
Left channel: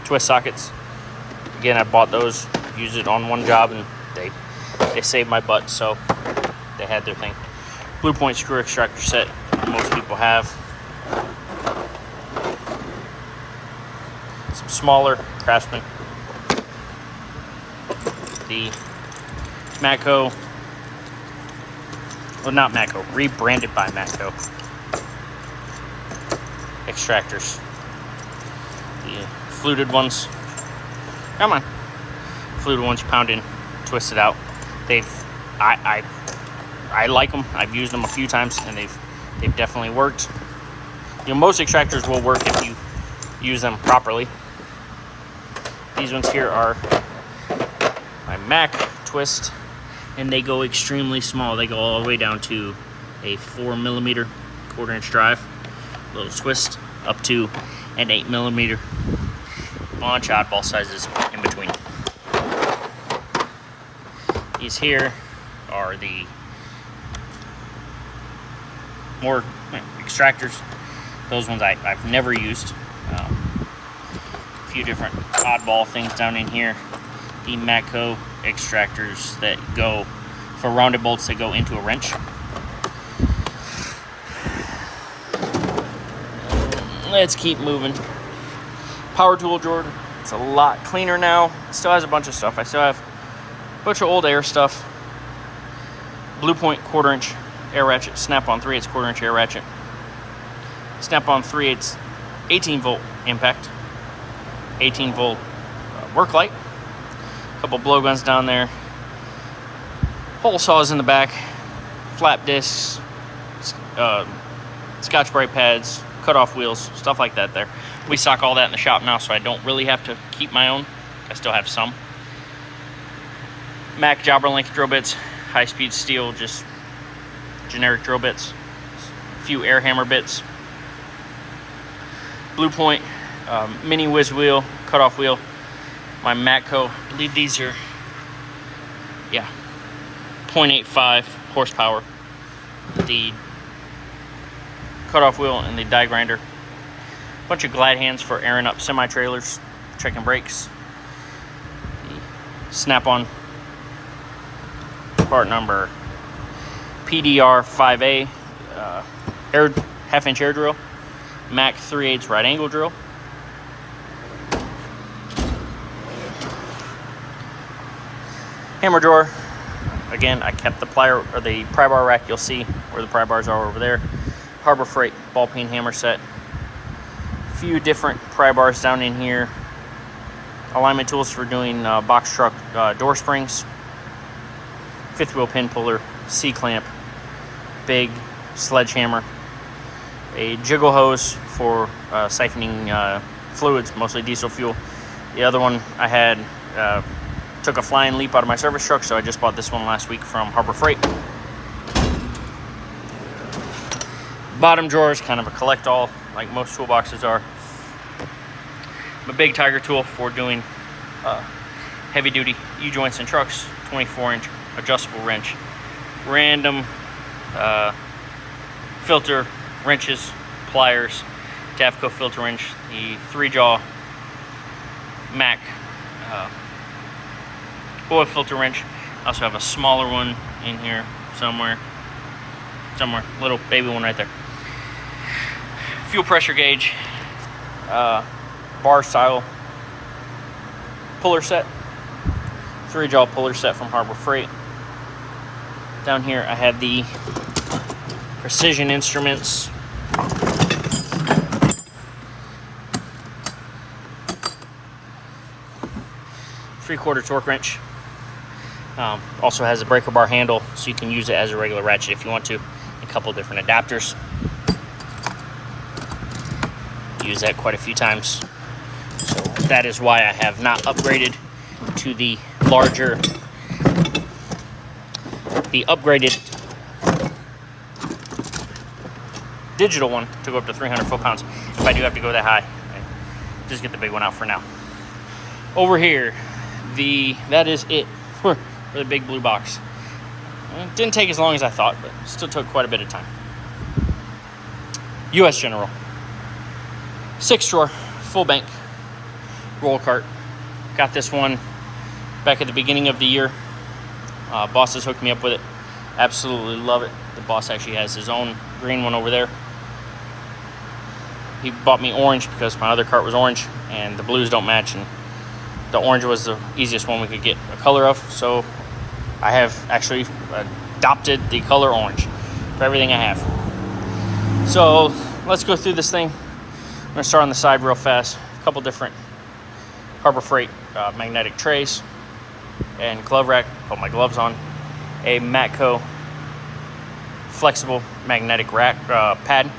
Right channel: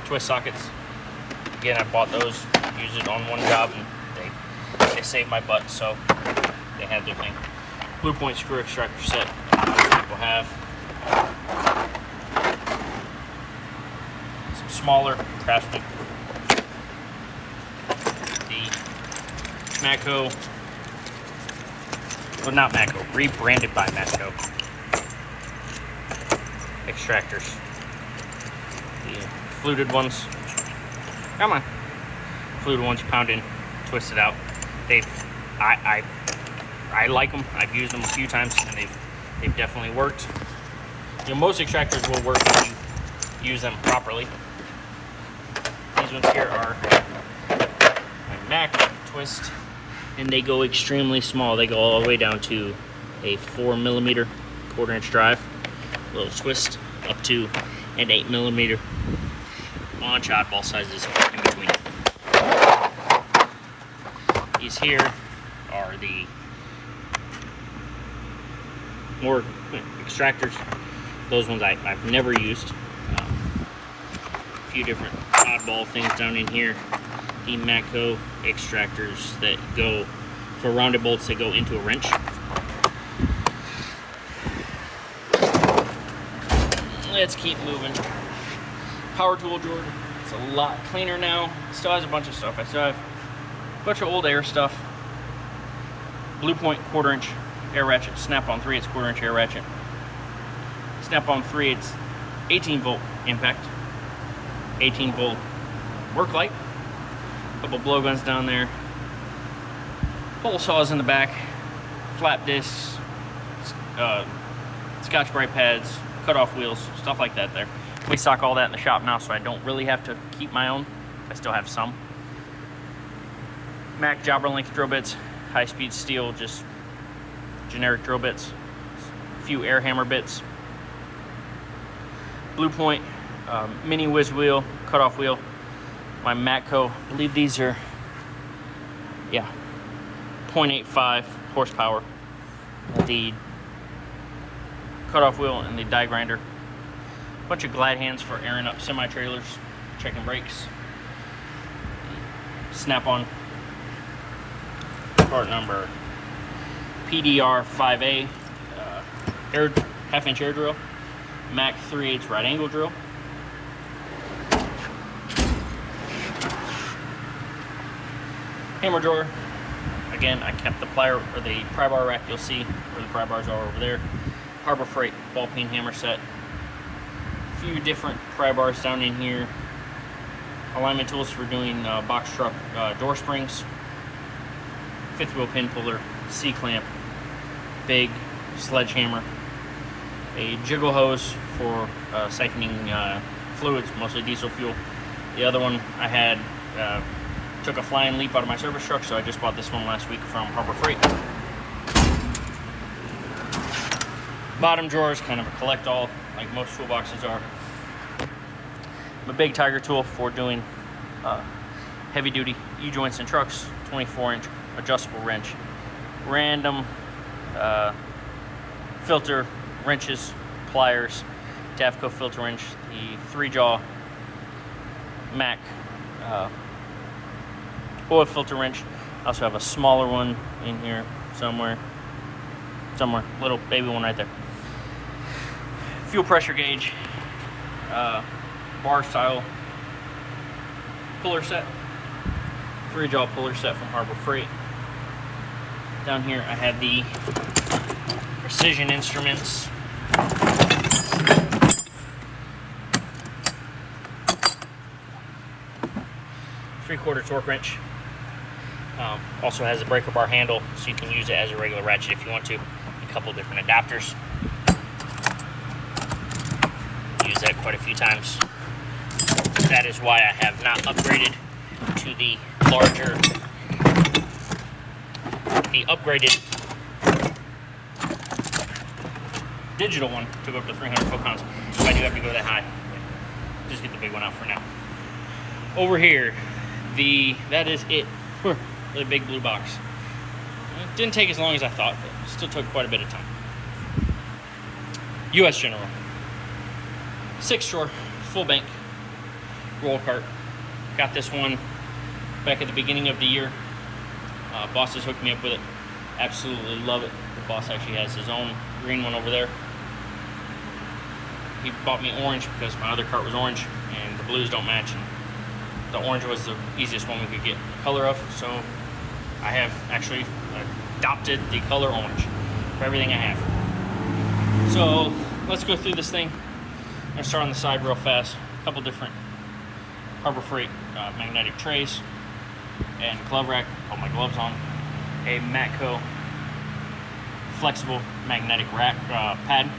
twist sockets. Again, I bought those, used it on one job, and they saved my butt, so they had their thing. Blue Point screw extractor set, most people have. Some smaller Craftsman. The Matco, well, not Matco, rebranded by Matco extractors. The fluted ones, come on, fluted ones you pound in, twist it out. I like them. I've used them a few times, and they've definitely worked. You know, most extractors will work if you use them properly. These ones here are my Mac twist, and they go extremely small. They go all the way down to a 4mm 1/4 inch drive, little twist, up to an 8mm. Bunch of oddball sizes in between. These here are the more extractors. Those ones I've never used. A few different oddball things down in here. The Matco extractors that go for rounded bolts that go into a wrench. Let's keep moving. Power tool drawer. It's a lot cleaner now. It still has a bunch of stuff. I still have a bunch of old air stuff. Blue Point 1/4 inch air ratchet. Snap-on 3/8 1/4 inch air ratchet. Snap-on 3/8 18 volt impact. 18 volt work light. A couple blow guns down there. Hole saws in the back. Flap discs. Scotch brite pads. Cut-off wheels. Stuff like that there. We stock all that in the shop now, so I don't really have to keep my own. I still have some. Mac jobber length drill bits. High-speed steel, just generic drill bits. A few air hammer bits. Blue Point mini whiz wheel, cut-off wheel. My Matco, I believe these are, 0.85 horsepower. The cut-off wheel and the die grinder. Bunch of glide hands for airing up semi-trailers, checking brakes. Snap-on part number PDR 5A air half-inch air drill. Mac 3/8 right angle drill. Hammer drawer. Again, I kept the plier or the pry bar rack. You'll see where the pry bars are over there. Harbor Freight ball peen hammer set. Few different pry bars down in here. Alignment tools for doing box truck door springs. 5th wheel pin puller, C-clamp, big sledgehammer, a jiggle hose for siphoning fluids, mostly diesel fuel. The other one I had took a flying leap out of my service truck, so I just bought this one last week from Harbor Freight. Bottom drawer is kind of a collect-all, like most toolboxes are. A big Tiger tool for doing heavy-duty U-joints in trucks, 24-inch adjustable wrench. Random filter wrenches, pliers, Tafco filter wrench, the 3-jaw Mac oil filter wrench. I also have a smaller one in here somewhere, little baby one right there. Fuel pressure gauge, bar style puller set, 3-jaw puller set from Harbor Freight. Down here I have the Precision Instruments three-quarter torque wrench. Also has a breaker bar handle, so you can use it as a regular ratchet if you want to. A couple different adapters. Use that quite a few times. So that is why I have not upgraded to the larger, the upgraded digital one to go up to 300 foot-pounds. If I do have to go that high, just get the big one out for now. Over here, that is it for the big blue box. It didn't take as long as I thought, but still took quite a bit of time. US General. 6-drawer, full bank, roll cart. Got this one back at the beginning of the year. Boss has hooked me up with it. Absolutely love it. The boss actually has his own green one over there. He bought me orange because my other cart was orange and the blues don't match, and the orange was the easiest one we could get a color of, so I have actually adopted the color orange for everything I have. So let's go through this thing. I'm gonna start on the side real fast. A couple different Harbor Freight magnetic trays and glove rack. Put my gloves on. A Matco flexible magnetic rack pad.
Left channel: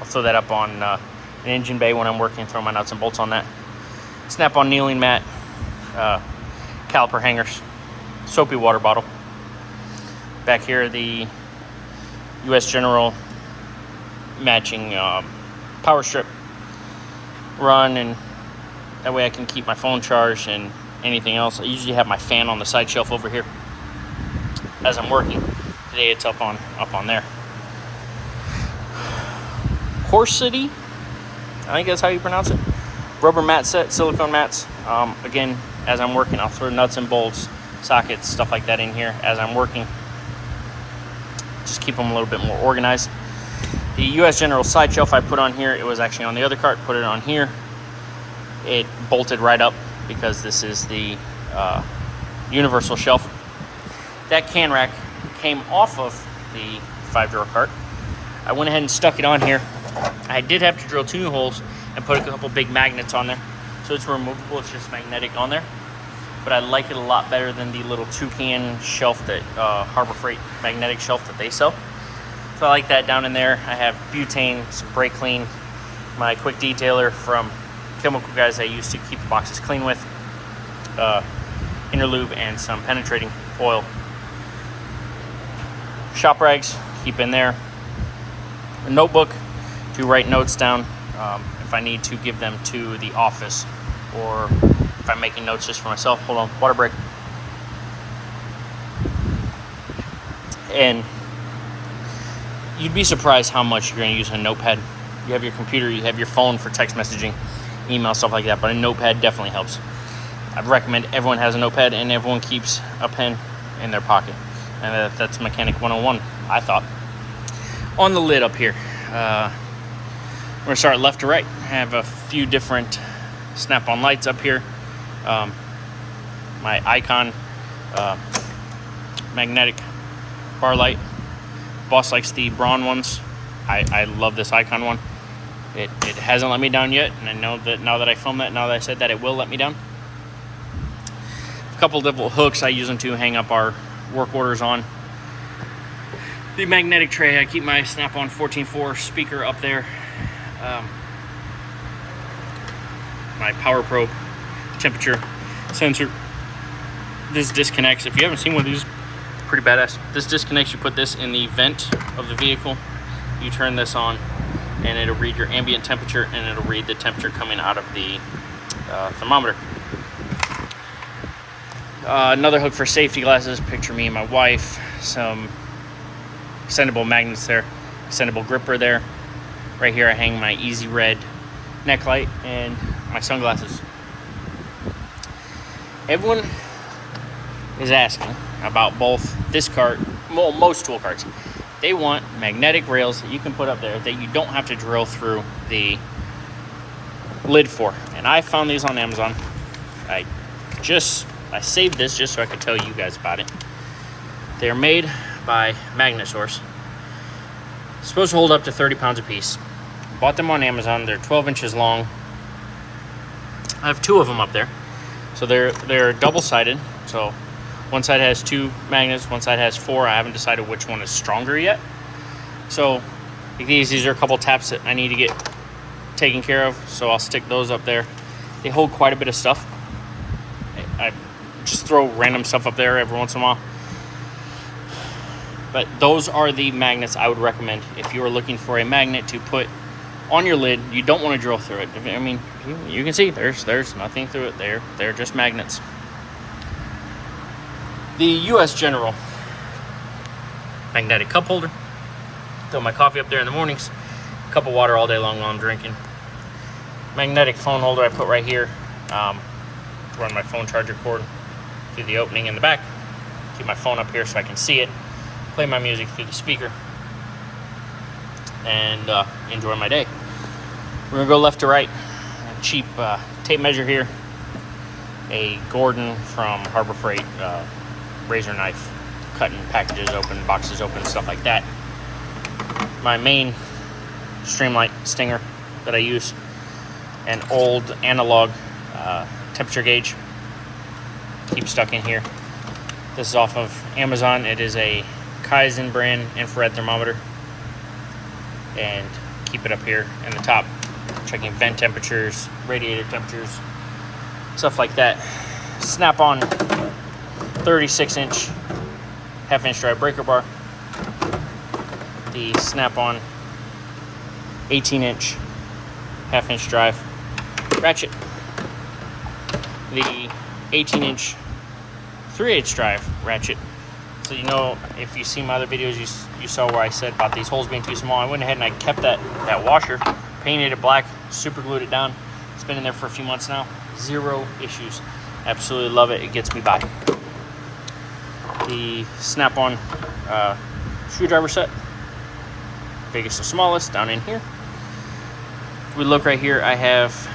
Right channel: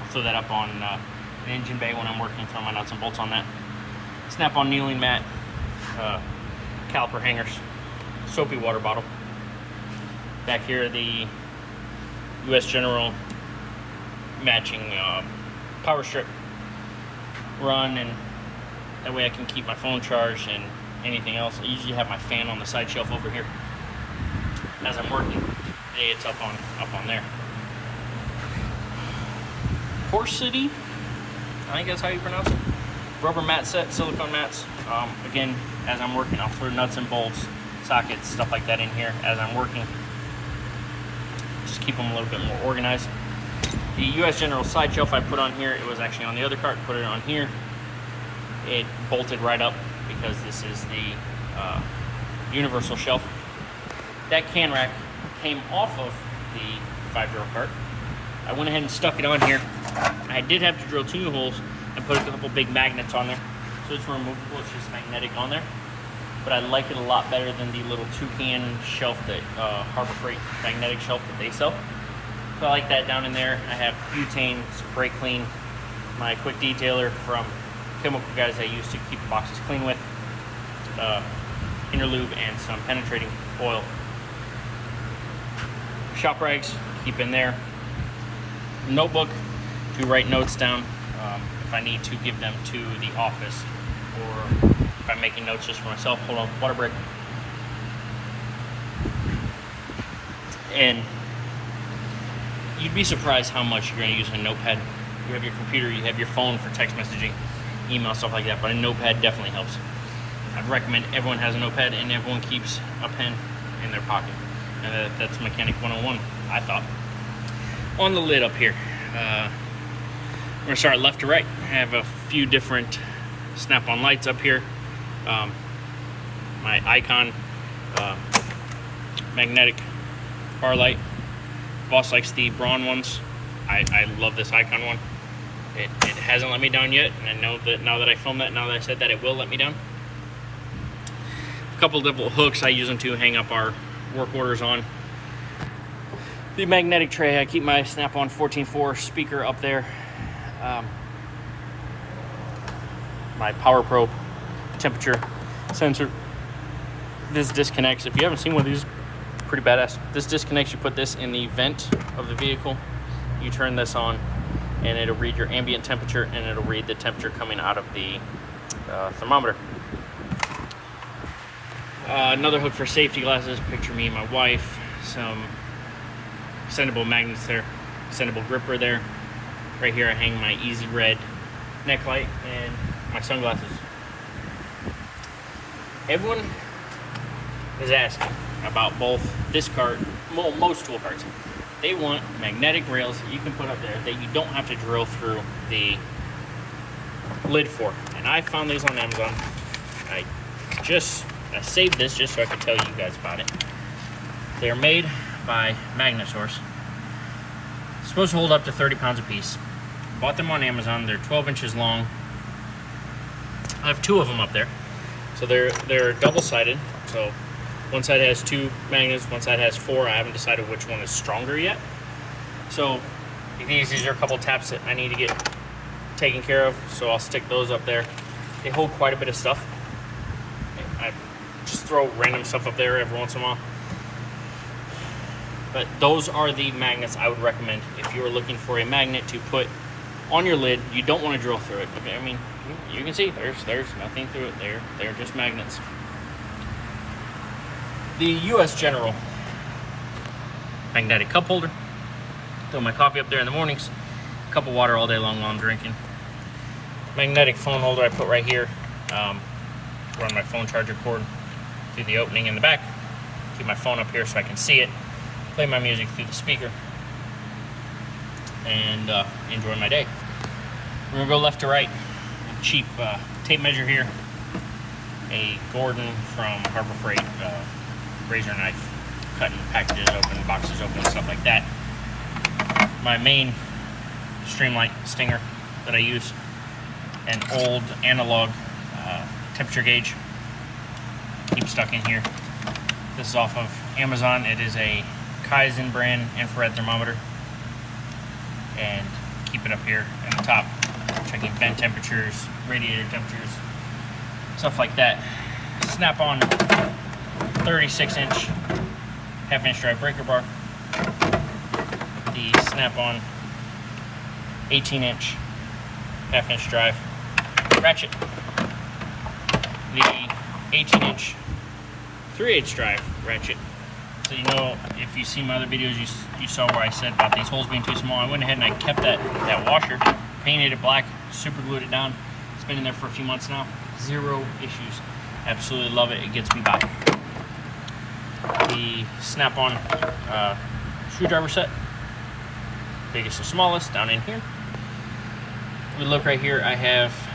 I'll throw that up on an engine bay when I'm working, throw my nuts and bolts on that. Snap-on kneeling mat, caliper hangers, soapy water bottle. Back here, the US General matching power strip run, and that way I can keep my phone charged and anything else. I usually have my fan on the side shelf over here as I'm working. Today it's up on there. Horsity, I think that's how you pronounce it. Rubber mat set, silicone mats. Again, as I'm working, I'll throw nuts and bolts, sockets, stuff like that in here as I'm working. Just keep them a little bit more organized. The US General side shelf I put on here, it was actually on the other cart, put it on here. It bolted right up because this is the universal shelf. That can rack came off of the 5-drawer cart. I went ahead and stuck it on here. I did have to drill 2 new holes and put a couple big magnets on there. So it's removable, it's just magnetic on there. But I like it a lot better than the little toucan shelf that Harbor Freight magnetic shelf that they sell. So I like that down in there. I have butane, some brake clean, my quick detailer from Chemical Guys I use to keep the boxes clean with, inner lube, and some penetrating oil. Shop rags, keep in there. A notebook to write notes down if I need to give them to the office, or if I'm making notes just for myself. Hold on, water break. And you'd be surprised how much you're going to use a notepad. You have your computer, you have your phone for text messaging, email, stuff like that, but a notepad definitely helps. I'd recommend everyone has a notepad and everyone keeps a pen in their pocket. And that's Mechanic 101, I thought. On the lid up here, we're going to start left to right. I have a few different snap-on lights up here. My Icon magnetic bar light. Boss likes the brawn ones. I love this Icon one. It hasn't let me down yet, and I know that now that I filmed that, now that I said that, it will let me down. A couple different hooks I use them to hang up our work orders on. The magnetic tray, I keep my snap-on 14.4 speaker up there. My power probe, temperature sensor. This disconnects. If you haven't seen one of these, pretty badass. This disconnects. You put this in the vent of the vehicle. You turn this on, and it'll read your ambient temperature, and it'll read the temperature coming out of the thermometer. Another hook for safety glasses. Picture me and my wife. Some extendable magnets there. Extendable gripper there. Right here I hang my Easy Red neck light and my sunglasses. Everyone is asking about both this cart, well, most tool carts. They want magnetic rails that you can put up there that you don't have to drill through the lid for. And I found these on Amazon. I saved this just so I could tell you guys about it. They're made by Magnet Source. Supposed to hold up to 30 pounds a piece. Bought them on Amazon. They're 12 inches long. I have 2 of them up there. So they're double-sided. So one side has 2 magnets, one side has 4. I haven't decided which one is stronger yet. So these are a couple taps that I need to get taken care of. So I'll stick those up there. They hold quite a bit of stuff. I just throw random stuff up there every once in a while. But those are the magnets I would recommend if you are looking for a magnet to put on your lid. You don't want to drill through it. I mean, you can see there's nothing through it. They're just magnets. The US General magnetic cup holder. Throw my coffee up there in the mornings. Cup of water all day long while I'm drinking. Magnetic phone holder I put right here. Run my phone charger cord through the opening in the back. Keep my phone up here so I can see it. Play my music through the speaker. And enjoy my day. We're gonna go left to right. A cheap tape measure here. A Gordon from Harbor Freight razor knife, cutting packages open, boxes open, stuff like that. My main Streamlight Stinger that I use. An old analog temperature gauge. Keep stuck in here. This is off of Amazon. It is a Kaizen brand infrared thermometer. And keep it up here in the top, checking vent temperatures, radiator temperatures, stuff like that. Snap-on 36-inch half-inch drive breaker bar. The Snap-on 18-inch half-inch drive ratchet. The 18-inch 3/8 drive ratchet. So you know, if you see my other videos, you saw where I said about these holes being too small. I went ahead and I kept that washer, painted it black, super glued it down. It's been in there for a few months now. 0 issues. Absolutely love it. It gets me by. The Snap-on screwdriver set. Biggest to smallest down in here. If we look right here, I have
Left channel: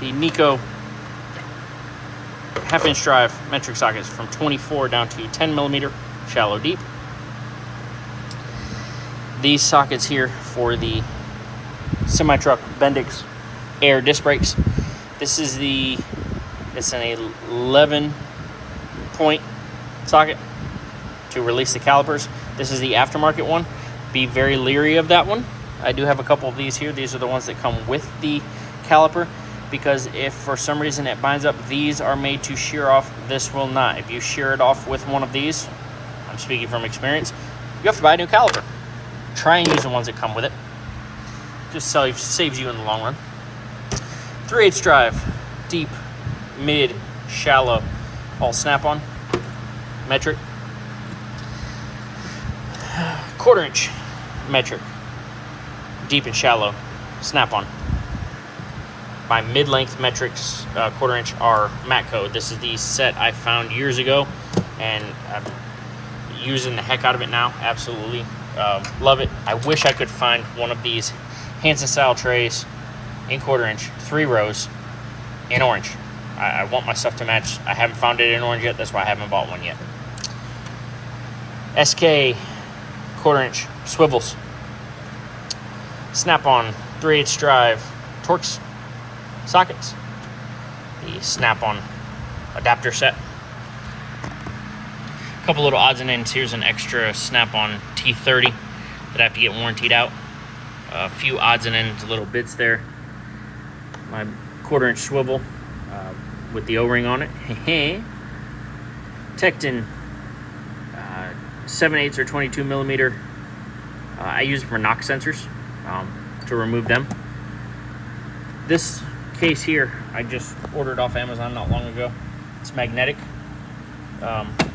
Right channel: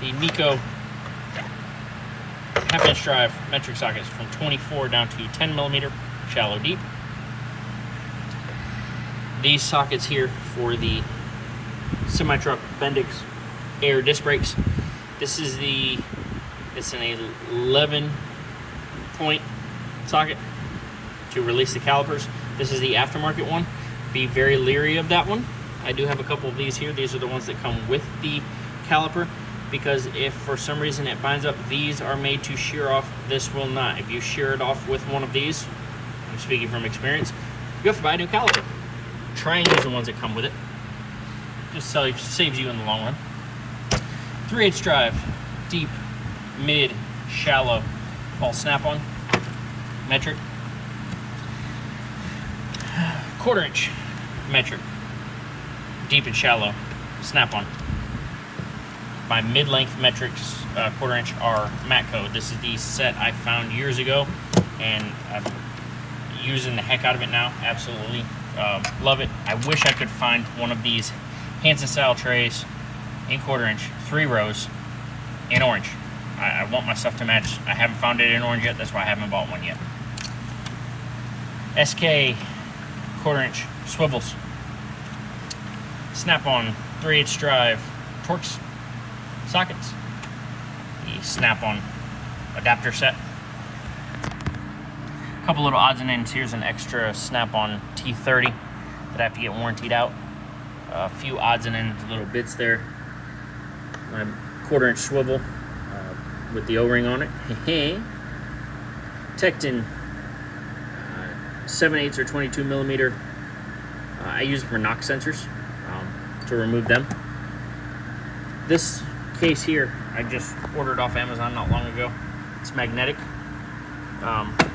the Nico half-inch drive metric sockets from 24 down to 10 millimeter, shallow deep. These sockets here for the semi-truck Bendix air disc brakes. This is it's an 11-point socket to release the calipers. This is the aftermarket one. Be very leery of that one. I do have a couple of these here. These are the ones that come with the caliper, because if for some reason it binds up, these are made to shear off. This will not. If you shear it off with one of these, I'm speaking from experience, you have to buy a new caliper. Try and use the ones that come with it. Just saves you in the long run. 3/8 drive, deep, mid, shallow, all Snap-on, metric. 1/4 inch metric, deep and shallow, Snap-on. My mid-length metrics 1/4 inch are Matco. This is the set I found years ago, and I'm using the heck out of it now. Absolutely love it. I wish I could find one of these Hansen style trays in 1/4 inch, 3 rows, in orange. I want my stuff to match. I haven't found it in orange yet. That's why I haven't bought one yet. SK 1/4 inch swivels. Snap-on 3/8 drive Torx sockets. The Snap-on adapter set. A couple little odds and ends. Here's an extra Snap-on T30 that I have to get warrantied out. A few odds and ends, little bits there. My 1/4 inch swivel with the O-ring on it. Tecton 7/8 or 22 millimeter. I use it for knock sensors to remove them. This case here I just ordered off Amazon not long ago. It's magnetic,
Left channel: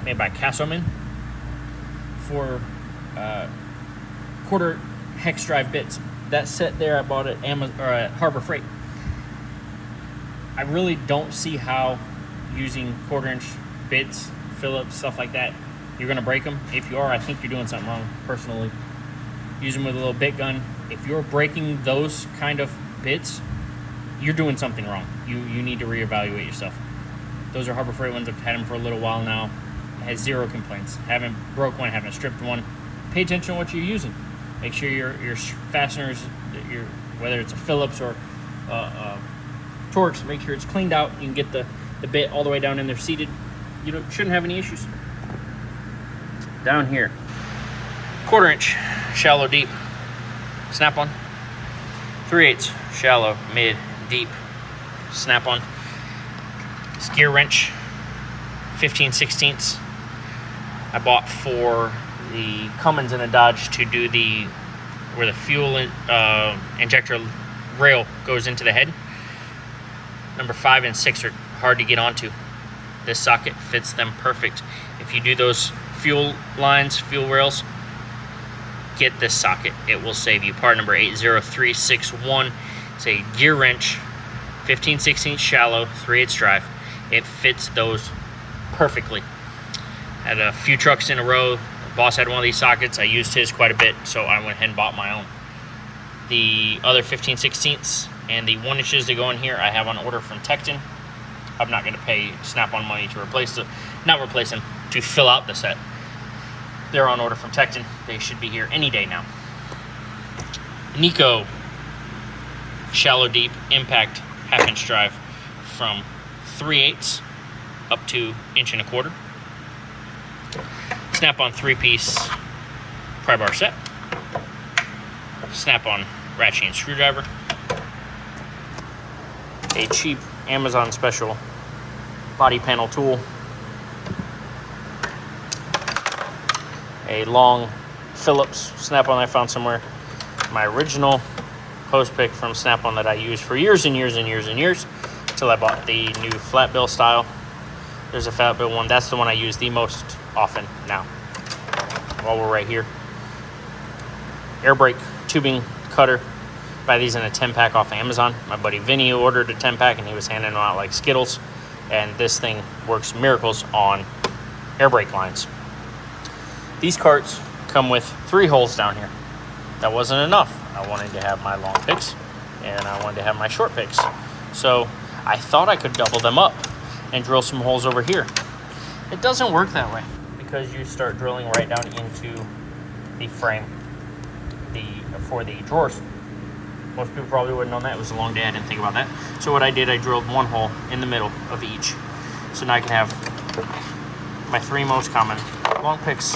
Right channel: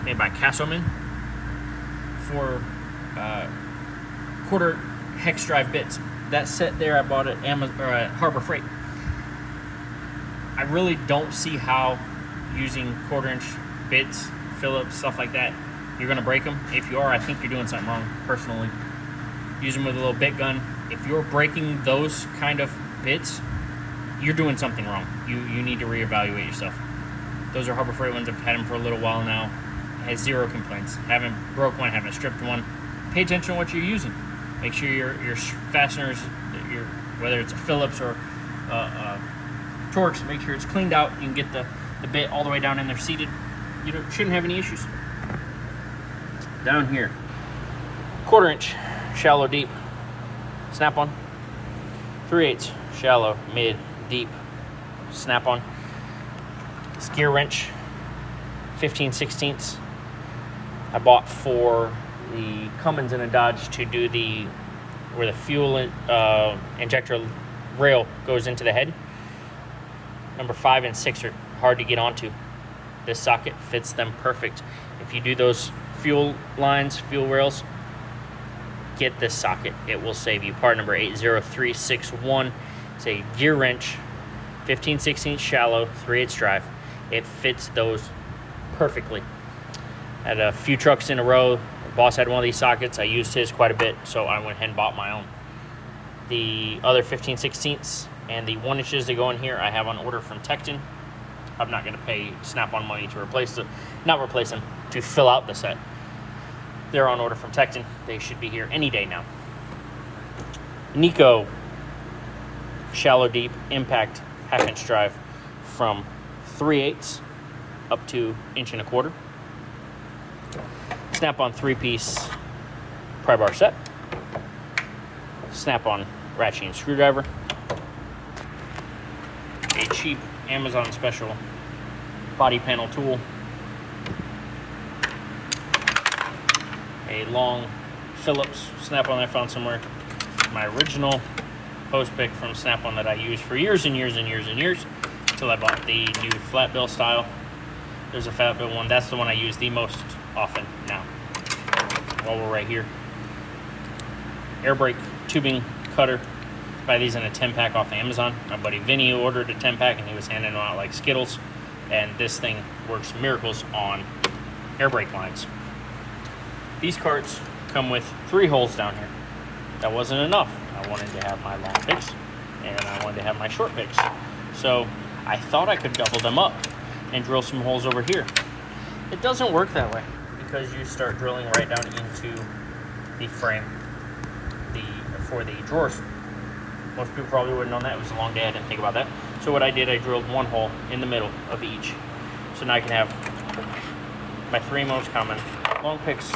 made by Castleman, for 1/4 hex drive bits. That set there I bought at Amazon or at Harbor Freight. I really don't see how using 1/4 inch bits, Phillips, stuff like that, you're gonna break them. If you are, I think you're doing something wrong, personally. Use them with a little bit gun. If you're breaking those kind of bits, you're doing something wrong. You need to reevaluate yourself. Those are Harbor Freight ones. I've had them for a little while now. has zero complaints. Haven't broke one, haven't stripped one. Pay attention to what you're using. Make sure your fasteners, whether it's a Phillips or Torx, make sure it's cleaned out. You can get the bit all the way down in there seated. You shouldn't have any issues. Down here, 1/4 inch, shallow, deep, snap-on. 3/8 shallow, mid, deep, snap-on. This gear wrench, 15/16. I bought for the Cummins and a Dodge to do where the fuel injector rail goes into the head. Number 5 and 6 are hard to get onto. This socket fits them perfect. If you do those fuel lines, fuel rails, get this socket. It will save you. Part number 80361. It's a gear wrench, 15/16 shallow, 3/8 drive. It fits those perfectly. Had a few trucks in a row. The boss had one of these sockets. I used his quite a bit, so I went ahead and bought my own. The other 15/16 and the 1 inches that go in here, I have on order from Tecton. I'm not going to pay Snap-on money to to fill out the set. They're on order from Tecton. They should be here any day now. Nico shallow, deep, impact, 1/2 inch drive from 3/8 up to 1.25 inch. Snap-on 3-piece pry bar set. Snap-on ratchet screwdriver. A cheap Amazon special body panel tool. A long Phillips Snap-on that I found somewhere. My original hose pick from Snap-on that I used for years and years and years and years until I bought the new flat bill style. There's a flat bill one. That's the one I use the most often now. While we're right here. Air brake tubing cutter. Buy these in a 10-pack off Amazon. My buddy Vinny ordered a 10-pack and he was handing them out like Skittles. And this thing works miracles on air brake lines. These carts come with 3 holes down here. That wasn't enough. I wanted to have my long picks and I wanted to have my short picks. So I thought I could double them up and drill some holes over here. It doesn't work that way because you start drilling right down into the frame for the drawers. Most people probably wouldn't know that. It was a long day. I didn't think about that. So what I did, I drilled 1 hole in the middle of each. So now I can have my 3 most common long picks,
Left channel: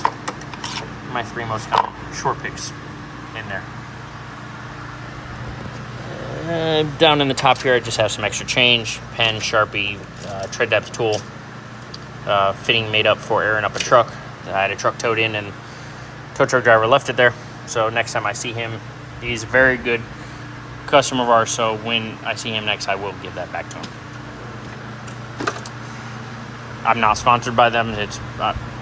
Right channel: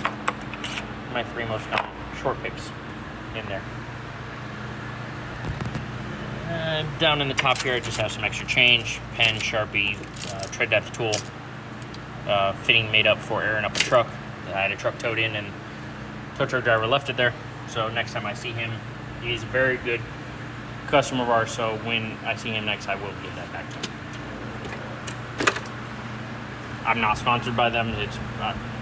my 3 most common short picks in there. Down in the top here, I just have some extra change, pen, Sharpie, tread depth tool, fitting made up for airing up a truck. I had a truck towed in and tow truck driver left it there. So next time I see him, he's a very good customer of ours. So when I see him next, I will give that back to him. I'm not sponsored by them. It's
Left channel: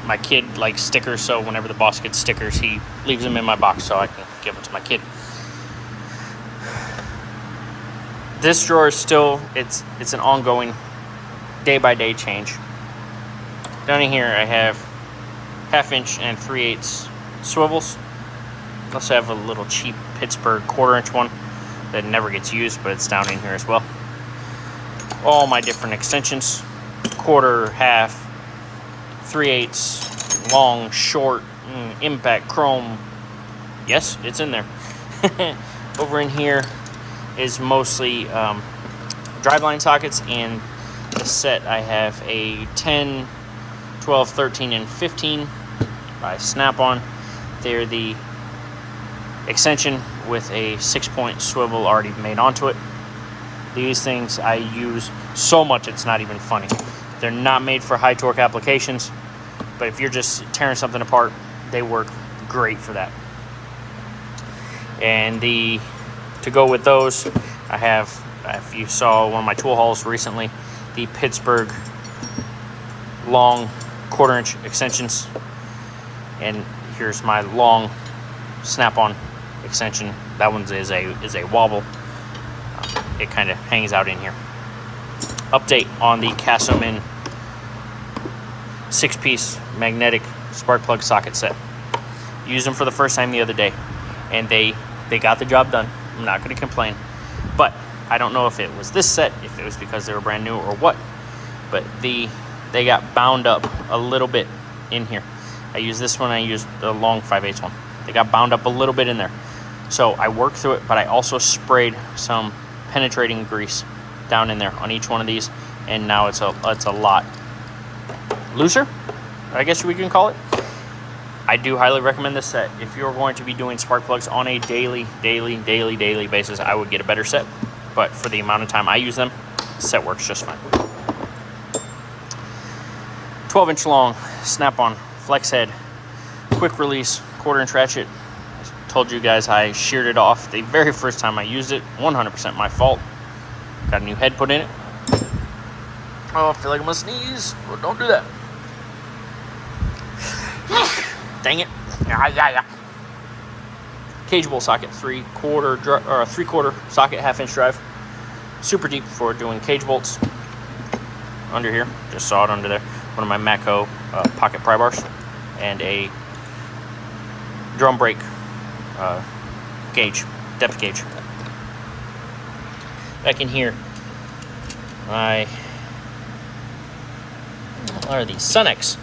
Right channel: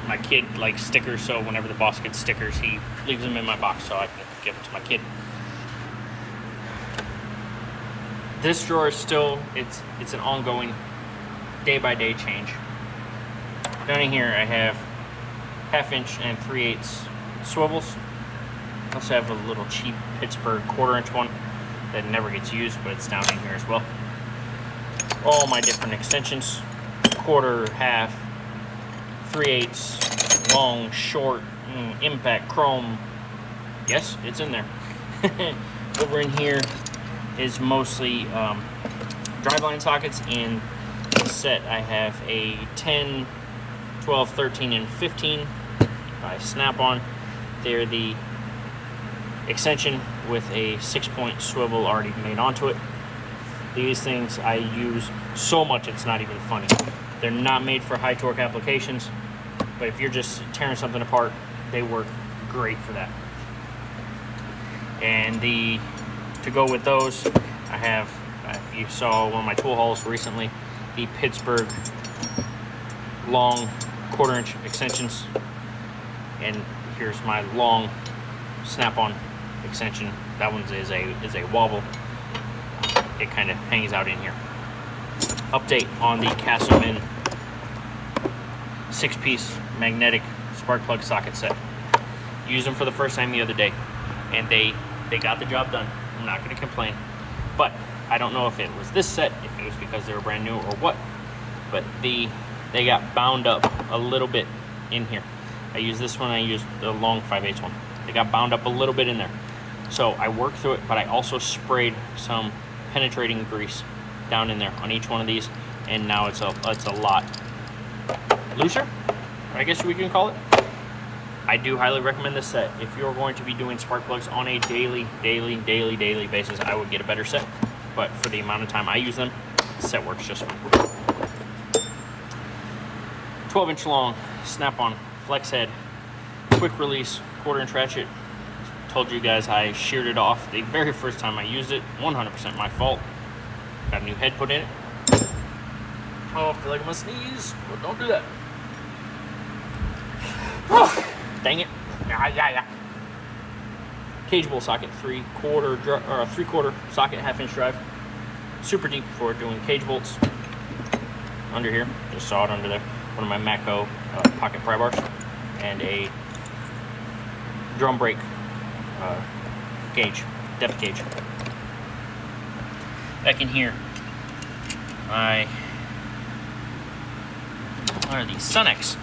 my kid likes stickers, so whenever the boss gets stickers, he leaves them in my box so I can give them to my kid. This drawer is still, it's an ongoing day-by-day change. Down in here I have 1/2 inch and 3/8 swivels. I also have a little cheap Pittsburgh 1/4 inch one that never gets used, but it's down in here as well. All my different extensions, 1/4, 1/2, 3/8, long, short, impact, chrome. Yes, it's in there. Over in here is mostly driveline sockets. In the set I have a 10, 12, 13, and 15 by Snap-on. They're the extension with a 6-point swivel already made onto it. These things I use so much it's not even funny. They're not made for high torque applications, but if you're just tearing something apart, they work great for that. And to go with those, I have, if you saw one of my tool hauls recently, the Pittsburgh long 1/4 inch extensions. And here's my long Snap-on extension. That one is a wobble. It kind of hangs out in here. Update on the Castleman 6-piece magnetic spark plug socket set. Used them for the first time the other day, and they got the job done. I'm not going to complain, but I don't know if it was this set, if it was because they were brand new or what, but they got bound up a little bit in here. I use this one, I use the long 5/8 one. They got bound up a little bit in there. So I worked through it, but I also sprayed some penetrating grease down in there on each one of these, and now it's a lot looser, I guess we can call it. I do highly recommend this set. If you're going to be doing spark plugs on a daily basis, I would get a better set. But for the amount of time I use them, the set works just fine. 12-inch long, snap-on, flex head, quick release, 1/4-inch ratchet. I told you guys I sheared it off the very first time I used it. 100% my fault. Got a new head put in it. Oh, I feel like I'm gonna sneeze. Well, don't do that. Dang it. Yeah. Cage bowl socket, 3/4 socket, 1/2-inch drive. Super deep for doing cage bolts. Under here, just saw it under there. One of my Matco pocket pry bars, and a drum brake gauge, depth gauge. Back in here, what are these? Sunex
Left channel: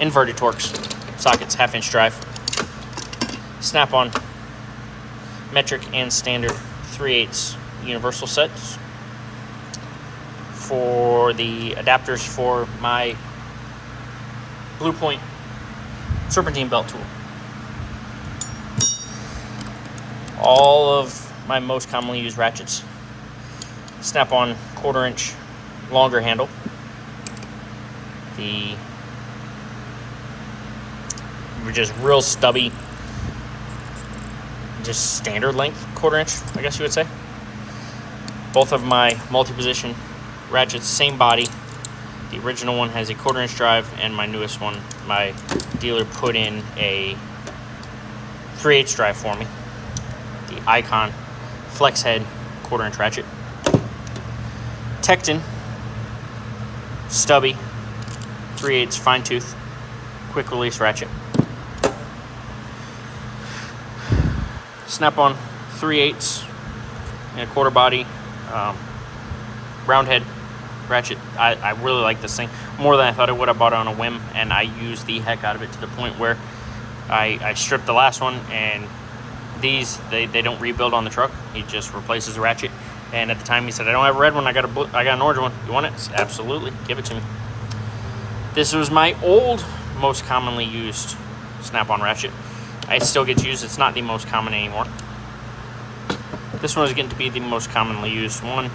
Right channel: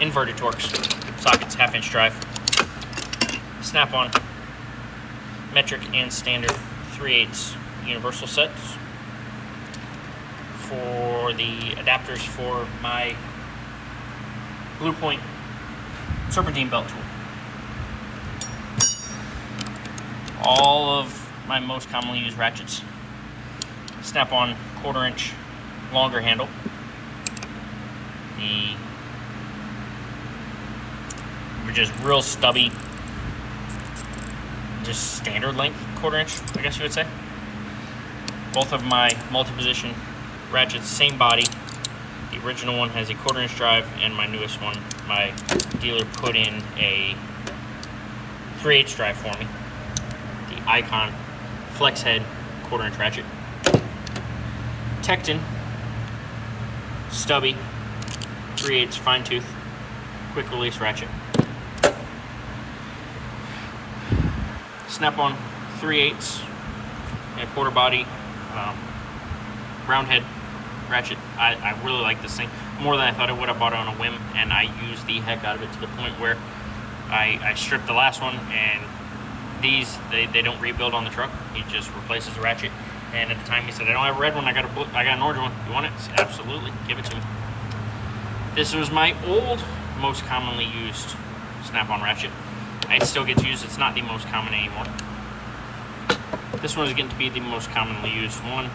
inverted Torx sockets, 1/2-inch drive. Snap-on metric and standard 3/8 universal sets for the adapters for my Blue Point serpentine belt tool. All of my most commonly used ratchets. Snap-on 1/4-inch longer handle. The just real stubby, just standard length 1/4-inch, I guess you would say. Both of my multi-position ratchets, same body. The original one has a 1/4-inch drive, and my newest one, my dealer put in a 3/8 drive for me. The Icon flex head 1/4-inch ratchet. Tecton stubby 3/8 fine tooth quick release ratchet. Snap-on 3/8 and 1/4 body round head ratchet. I really like this thing more than I thought I would. I bought it on a whim, and I used the heck out of it to the point where I stripped the last one, and these they don't rebuild on the truck. He just replaces the ratchet. And at the time he said, I don't have a red one, I got an orange one. You want it? Absolutely, give it to me. This was my old, most commonly used snap-on ratchet. It still gets used. It's not the most common anymore. This one is getting to be the most commonly used one.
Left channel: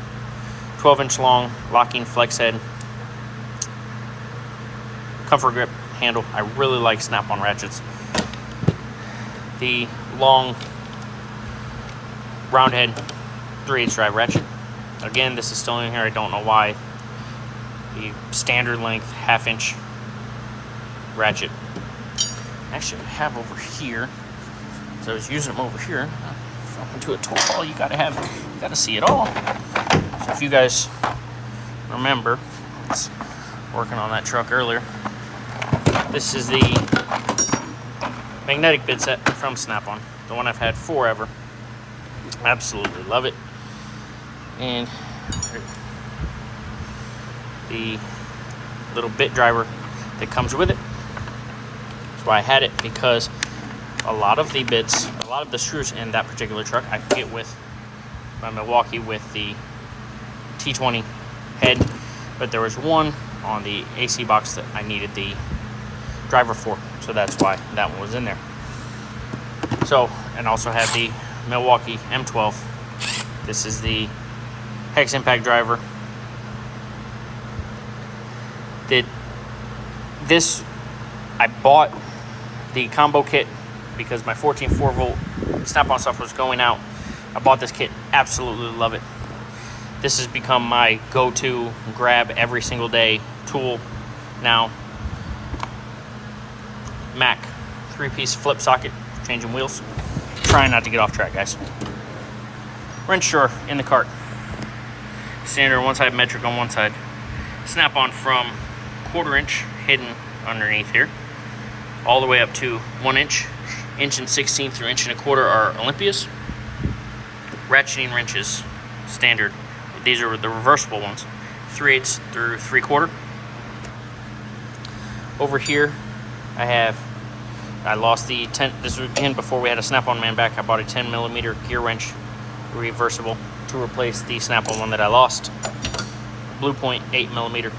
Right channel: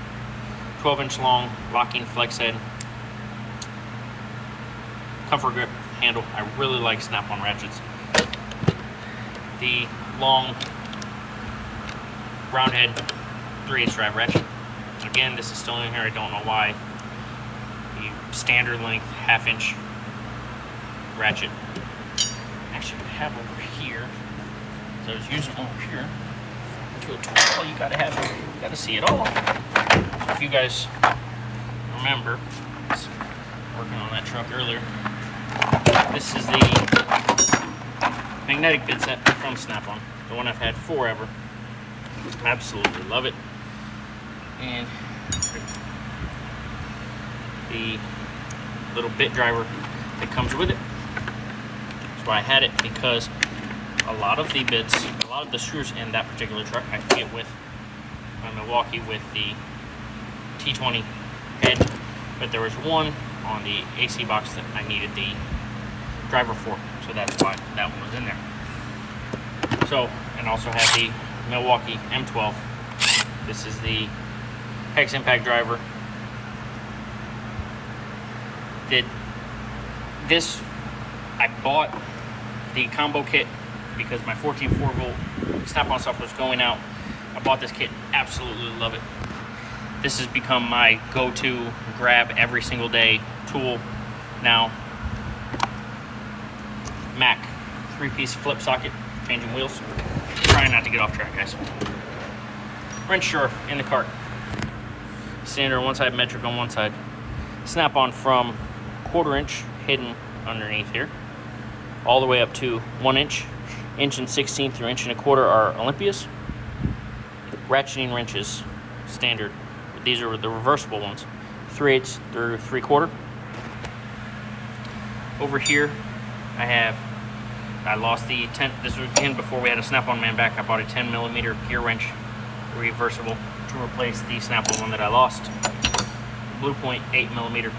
12-inch long locking flex head, comfort grip handle. I really like snap-on ratchets. The long round head 3/8 drive ratchet. Again, this is still in here. I don't know why. The standard length 1/2-inch ratchet. Actually, I have over here, so I was using them over here. If I'm into a tool, you gotta see it all. So if you guys remember, I was working on that truck earlier. This is the magnetic bit set from Snap-on, the one I've had forever. Absolutely love it. And the little bit driver that comes with it. That's why I had it, because a lot of the bits, a lot of the screws in that particular truck I could get with my Milwaukee with the T20 head, but there was one on the AC box that I needed the driver for, so that's why that one was in there. So, and also have the Milwaukee M12. This is the hex impact driver. I bought the combo kit because my 14 4-volt snap-on stuff was going out. I bought this kit, absolutely love it. This has become my go-to grab every single day tool now. Mac 3-piece flip socket, changing wheels. Trying not to get off track, guys. Wrench drawer in the cart. Standard one side, metric on one side. Snap-on from 1/4-inch hidden underneath here, all the way up to 1 inch. 1.16" through 1.25" are Olympias. Ratcheting wrenches, standard. These are the reversible ones. 3/8 through 3/4. Over here, I lost the 10. This was again before we had a Snap-on man back. I bought a 10mm gear wrench, reversible, to replace the Snap-on one that I lost. Blue Point 8mm.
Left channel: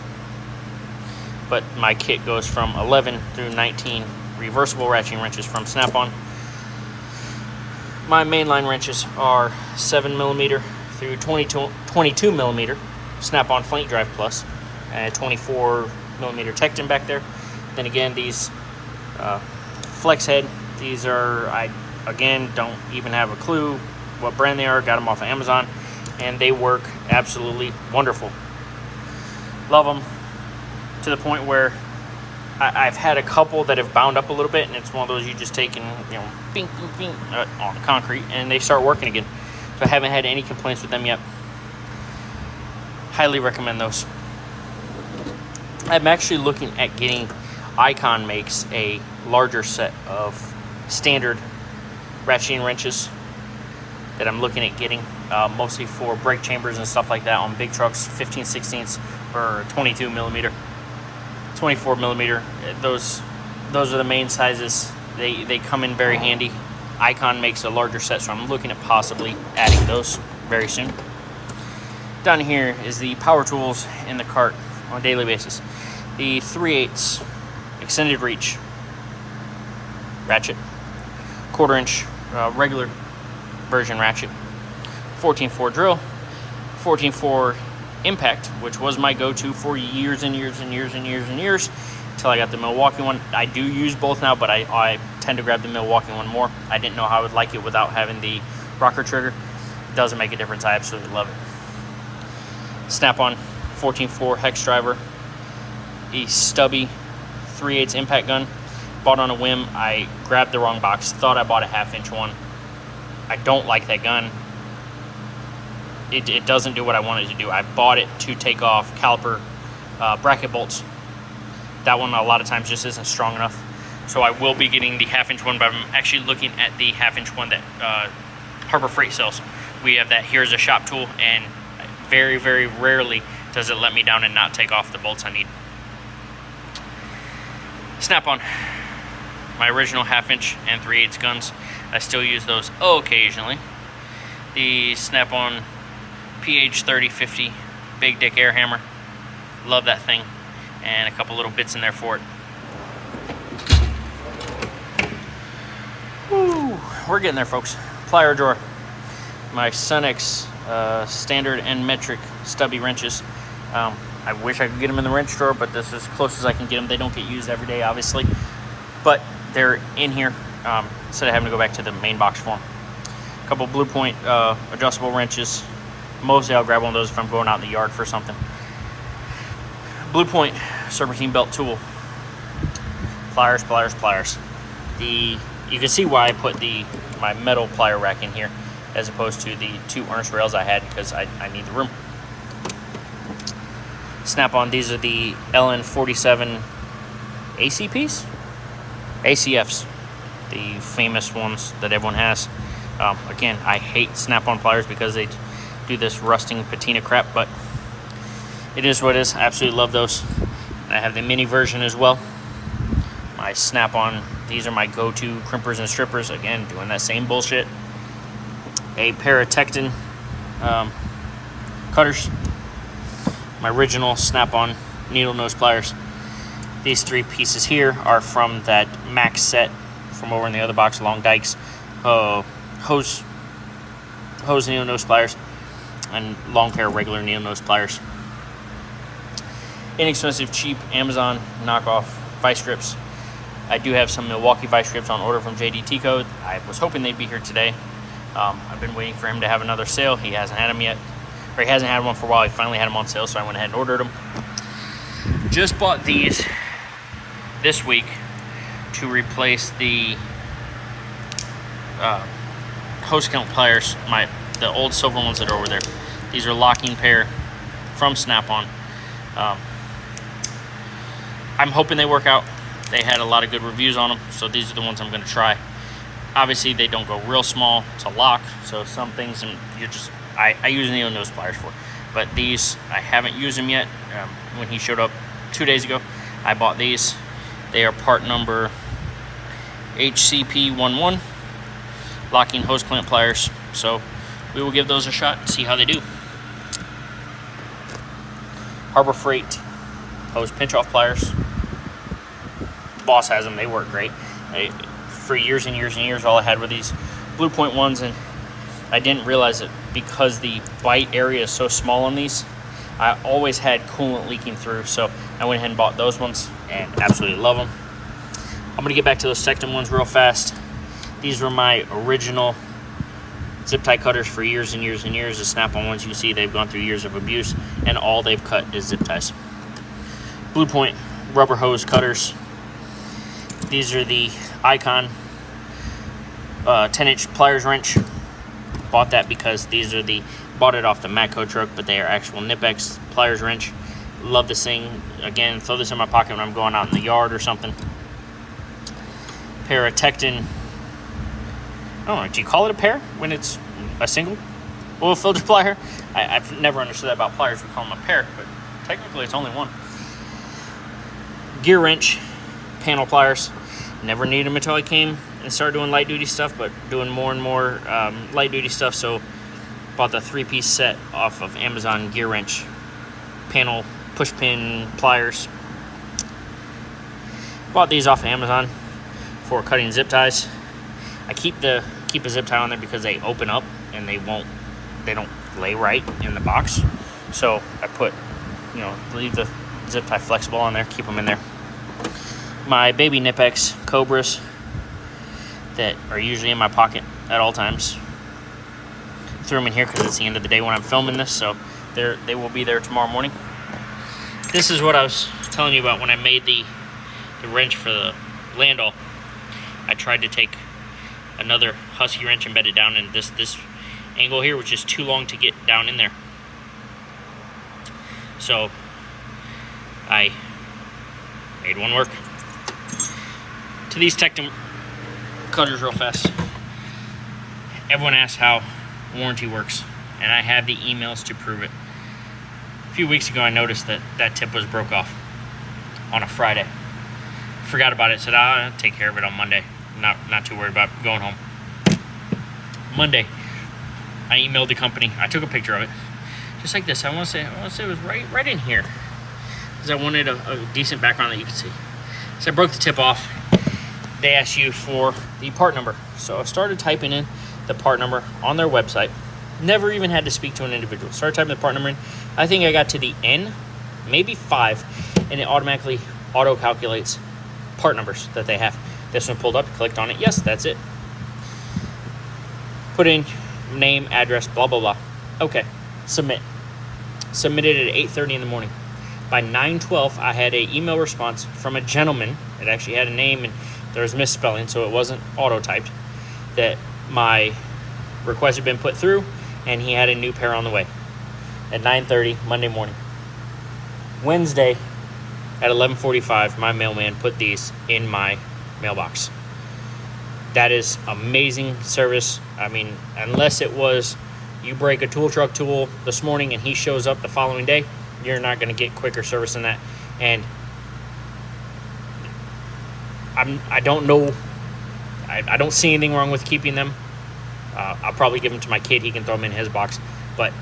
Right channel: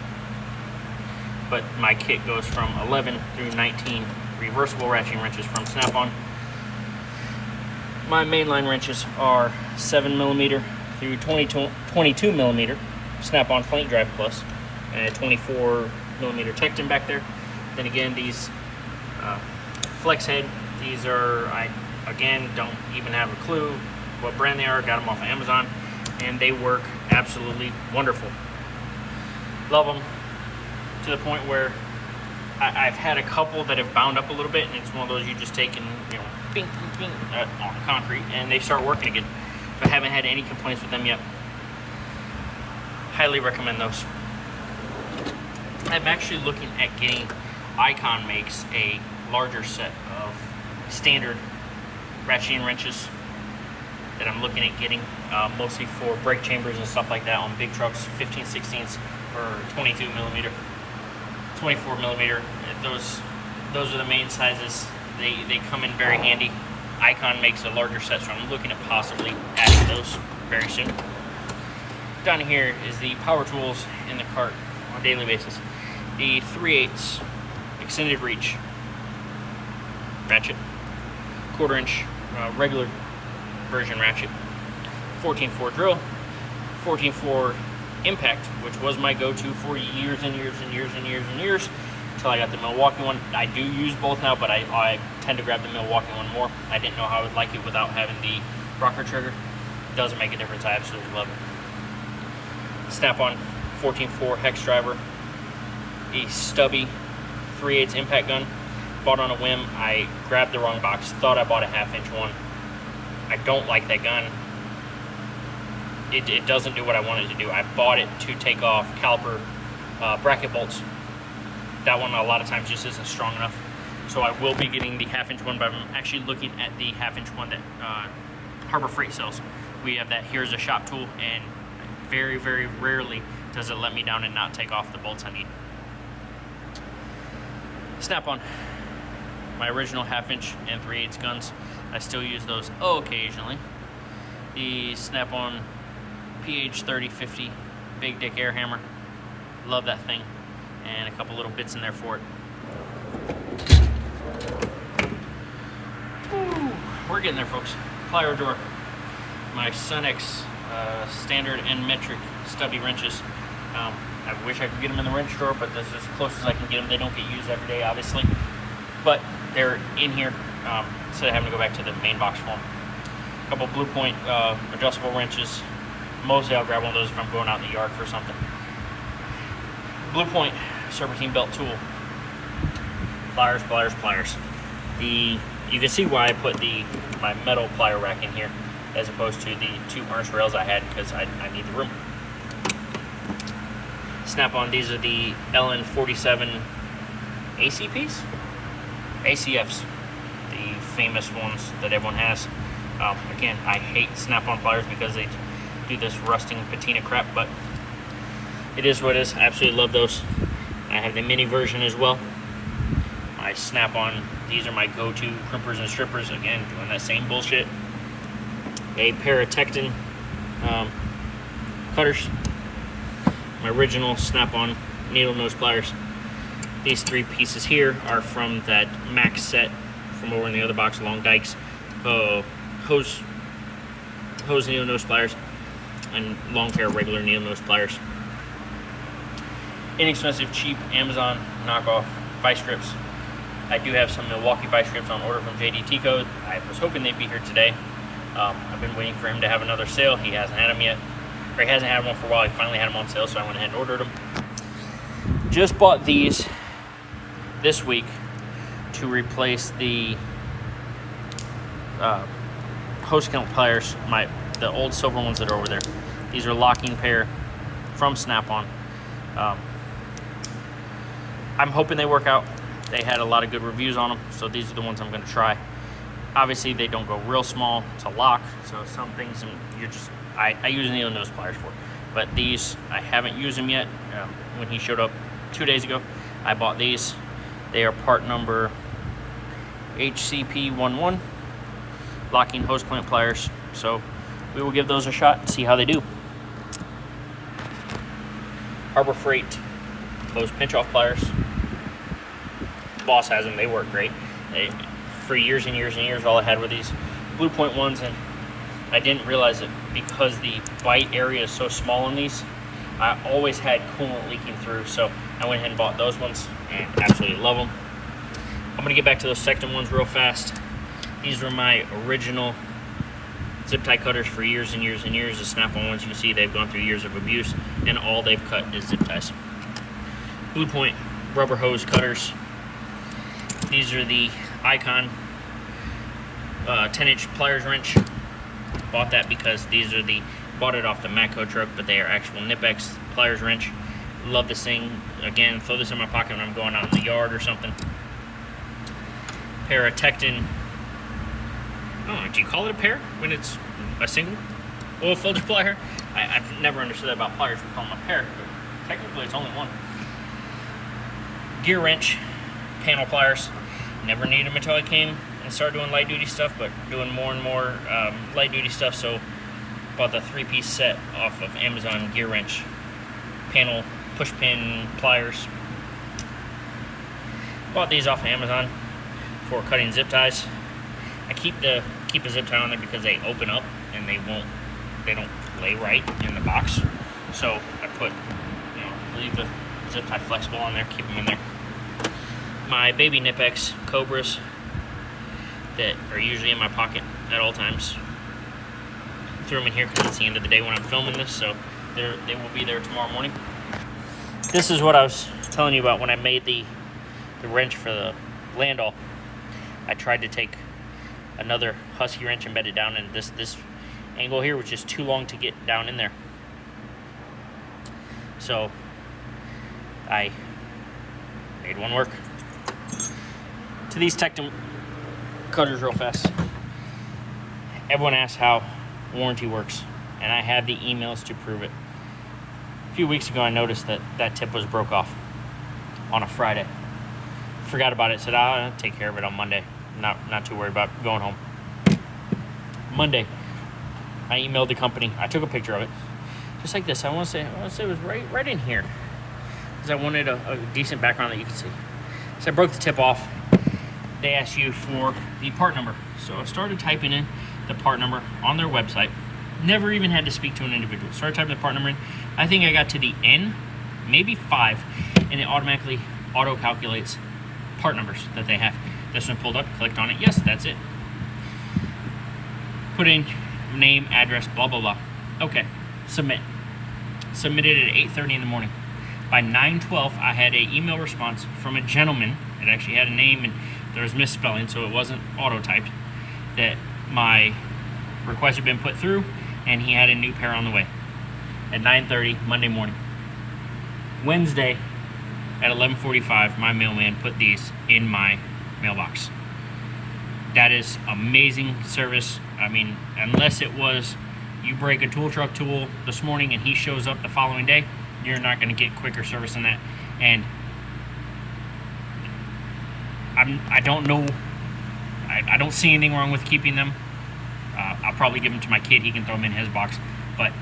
But my kit goes from 11 through 19 reversible ratcheting wrenches from Snap-on. My mainline wrenches are 7mm through 22mm Snap-on Flank Drive Plus, and 24mm Tecton back there. Then again, these flex head, these are, I again don't even have a clue what brand they are. Got them off of Amazon, and they work absolutely wonderful. Love them to the point where I've had a couple that have bound up a little bit, and it's one of those you just take and, you know, bing, bing, bing, on concrete, and they start working again. So I haven't had any complaints with them yet. Highly recommend those. I'm actually looking at getting, Icon makes a larger set of standard ratcheting wrenches that I'm looking at getting, mostly for brake chambers and stuff like that on big trucks, 15/16 or 22mm. 24mm, those are the main sizes. They come in very handy. Icon makes a larger set, so I'm looking at possibly adding those very soon. Down here is the power tools in the cart on a daily basis. The 3/8 extended reach ratchet, 1/4 inch regular version ratchet, 14/4 drill, 14/4 impact, which was my go-to for years and years and years and years and years until I got the Milwaukee one. I do use both now, but I tend to grab the Milwaukee one more. I didn't know how I would like it without having the rocker trigger. It doesn't make a difference. I absolutely love it. Snap-on 14/4 hex driver, a stubby 3/8 impact gun. Bought on a whim. I grabbed the wrong box, thought I bought a 1/2 inch one. I don't like that gun. It doesn't do what I wanted to do. I bought it to take off caliper bracket bolts. That one a lot of times just isn't strong enough. So I will be getting the 1/2 inch one, but I'm actually looking at the 1/2 inch one that Harbor Freight sells. We have that here as a shop tool, and very, very rarely does it let me down and not take off the bolts I need. Snap-on, my original 1/2 inch and 3/8 guns. I still use those occasionally. The Snap-on PH3050 Big Dick Air Hammer. Love that thing. And a couple little bits in there for it. Woo, we're getting there, folks. Plier drawer. My Sunex standard and metric stubby wrenches. I wish I could get them in the wrench drawer, but this is as close as I can get them. They don't get used every day, obviously. But they're in here instead of having to go back to the main box for them. A couple Blue Point adjustable wrenches. Mostly I'll grab one of those if I'm going out in the yard for something. Blue Point serpentine belt tool. Pliers, pliers, pliers. You can see why I put my metal plier rack in here as opposed to the 2 Ernst rails I had, because I need the room. Snap-on, these are the LN47 ACPs? ACFs, the famous ones that everyone has. Again, I hate Snap-on pliers because they do this rusting patina crap, but it is what it is. I absolutely love those. And I have the mini version as well. My Snap-on, these are my go-to crimpers and strippers. Again, doing that same bullshit. A pair of Tecton cutters. My original Snap-on needle nose pliers. These 3 pieces here are from that Max set from over in the other box, Long Dykes. Hose needle nose pliers and long pair of regular needle nose pliers. Inexpensive, cheap Amazon knockoff vice grips. I do have some Milwaukee vice grips on order from JDT Code. I was hoping they'd be here today. I've been waiting for him to have another sale. He hasn't had them yet, or he hasn't had one for a while. He finally had them on sale, so I went ahead and ordered them. Just bought these this week to replace the hose count pliers, the old silver ones that are over there. These are locking pair from Snap-on. I'm hoping they work out. They had a lot of good reviews on them, so these are the ones I'm going to try. Obviously, they don't go real small to lock, so some things I use needle nose pliers for. but these, I haven't used them yet. When he showed up 2 days ago, I bought these. They are part number HCP11, locking hose clamp pliers. So we will give those a shot and see how they do. Harbor Freight hose pinch off pliers. Boss has them, they work great. For years and years and years, all I had were these Blue Point ones, and I didn't realize it because the bite area is so small on these. I always had coolant leaking through, so I went ahead and bought those ones and absolutely love them. I'm gonna get back to those Tectum ones real fast. These were my original zip tie cutters for years and years and years. The Snap-on ones, you can see they've gone through years of abuse, and all they've cut is zip ties. Blue Point rubber hose cutters. These are the Icon 10-inch pliers wrench. Bought that because these are bought it off the Matco truck, but they are actual Nipex pliers wrench. Love this thing. Again, throw this in my pocket when I'm going out in the yard or something. Pair of Tectum. Oh, do you call it a pair when it's a single oil filter plier? I've never understood that about pliers. We call them a pair, but technically it's only one. Gear wrench, panel pliers. Never needed them until I came and started doing light duty stuff, but doing more and more light duty stuff. So bought the 3-piece set off of Amazon. Gear wrench, panel, push pin pliers. Bought these off of Amazon for cutting zip ties. I keep a zip tie on there because they open up and they don't lay right in the box. So I put, leave the zip tie flexible on there, keep them in there. My baby Nipex Cobras that are usually in my pocket at all times. Threw them in here because it's the end of the day when I'm filming this, so they will be there tomorrow morning. This is what I was telling you about when I made the wrench for the Landau. I tried to take another Husky wrench and bed it down, and this angle here was just too long to get down in there. So I made one work. To these Tectum cutters real fast. Everyone asks how warranty works, and I have the emails to prove it. A few weeks ago I noticed that tip was broke off on a Friday. Forgot about it, said I'll take care of it on Monday. Not too worried about going home. Monday, I emailed the company. I took a picture of it, just like this. I want to say it was right in here, because I wanted a decent background that you could see. So I broke the tip off. They asked you for the part number, so I started typing in the part number on their website. Never even had to speak to an individual. Started typing the part number in. I think I got to the N, maybe 5, and it automatically auto-calculates part numbers that they have. This one pulled up, clicked on it. Yes, that's it. Put in name, address, blah, blah, blah. Okay, submit. Submitted at 8:30 in the morning. By 9:12, I had an email response from a gentleman. It actually had a name, and there was misspelling, so it wasn't auto-typed, that my request had been put through, and he had a new pair on the way at 9:30 Monday morning. Wednesday at 11:45, my mailman put these in my mailbox. That is amazing service. I mean, unless it was you break a tool truck tool this morning and he shows up the following day, you're not going to get quicker service than that. And I don't know, I don't see anything wrong with keeping them. I'll probably give them to my kid. He can throw them in his box. But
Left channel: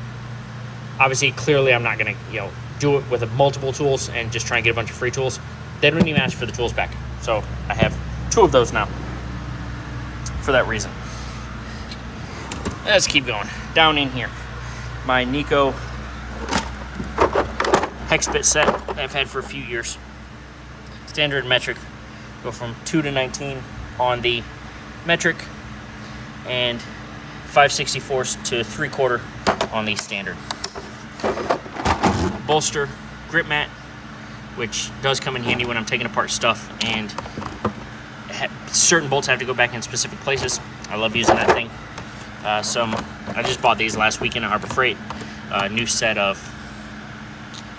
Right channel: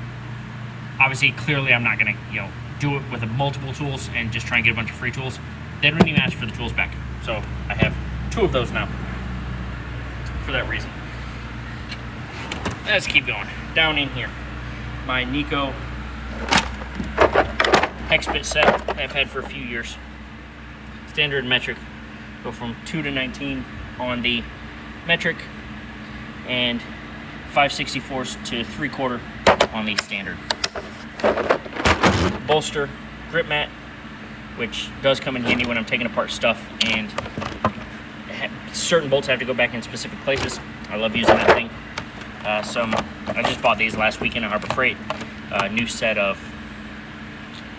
obviously, clearly, I'm not going to do it with multiple tools and just try and get a bunch of free tools. They don't even ask for the tools back. So I have 2 of those now for that reason. Let's keep going. Down in here, my Nico hex bit set I've had for a few years. Standard metric. Go from 2 to 19 on the metric, and 5/64 to 3/4 on the standard. Bolster grip mat, which does come in handy when I'm taking apart stuff and certain bolts have to go back in specific places. I love using that thing. I just bought these last weekend at Harbor Freight. New set of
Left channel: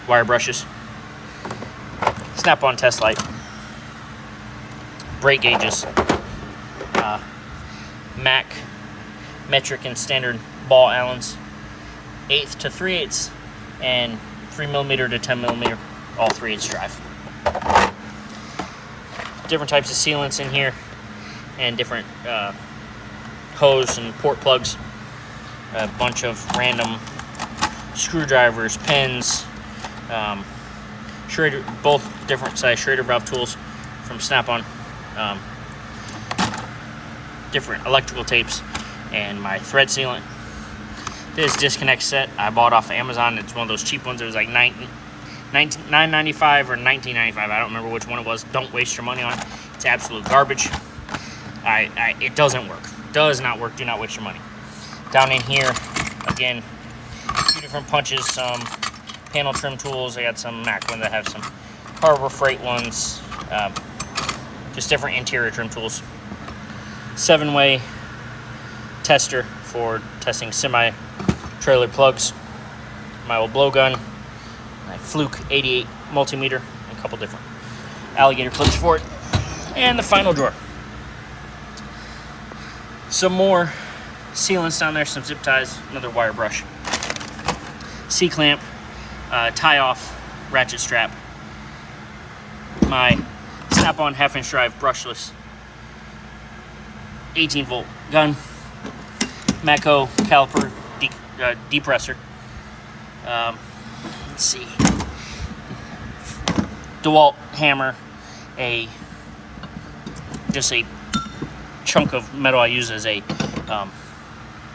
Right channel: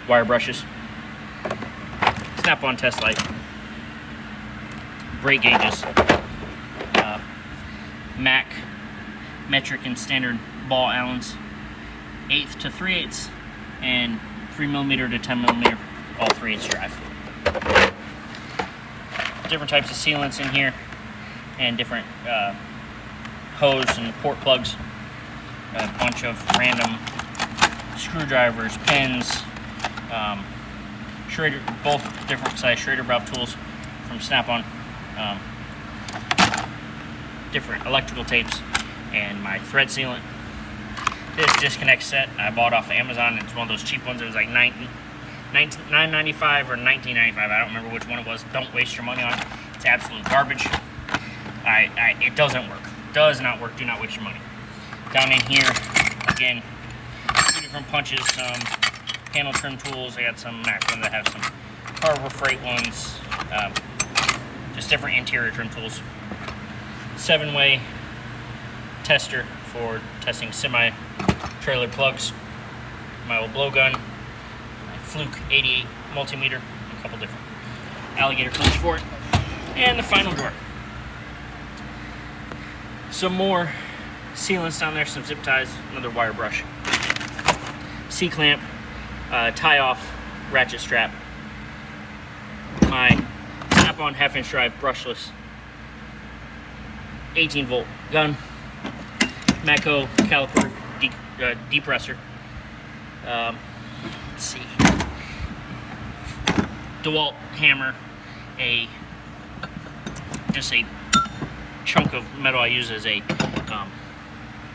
wire brushes, Snap-on test light, brake gauges, Mac metric and standard ball Allens, 1/8 to 3/8 and 3mm to 10mm, all 3/8 drive. Different types of sealants in here, and different hose and port plugs. A bunch of random screwdrivers, pins, Schrader, both different size Schrader valve tools from Snap-on, different electrical tapes, and my thread sealant. This disconnect set I bought off of Amazon. It's one of those cheap ones. It was like $9.95 or $19.95. I don't remember which one it was. Don't waste your money on it. It's absolute garbage. It doesn't work. Does not work. Do not waste your money. Down in here, again, 2 different punches, some panel trim tools. I got some Mac ones that have some Harbor Freight ones, just different interior trim tools. 7-way tester for testing semi-trailer plugs. My old blowgun, my Fluke 88 multimeter, and a couple different alligator clips for it. And the final drawer. Some more sealants down there, some zip ties, another wire brush, C-clamp, tie-off ratchet strap, my Snap-on 1/2-inch drive brushless 18-volt gun, Matco caliper depressor, let's see, DeWalt hammer, just a chunk of metal I use as a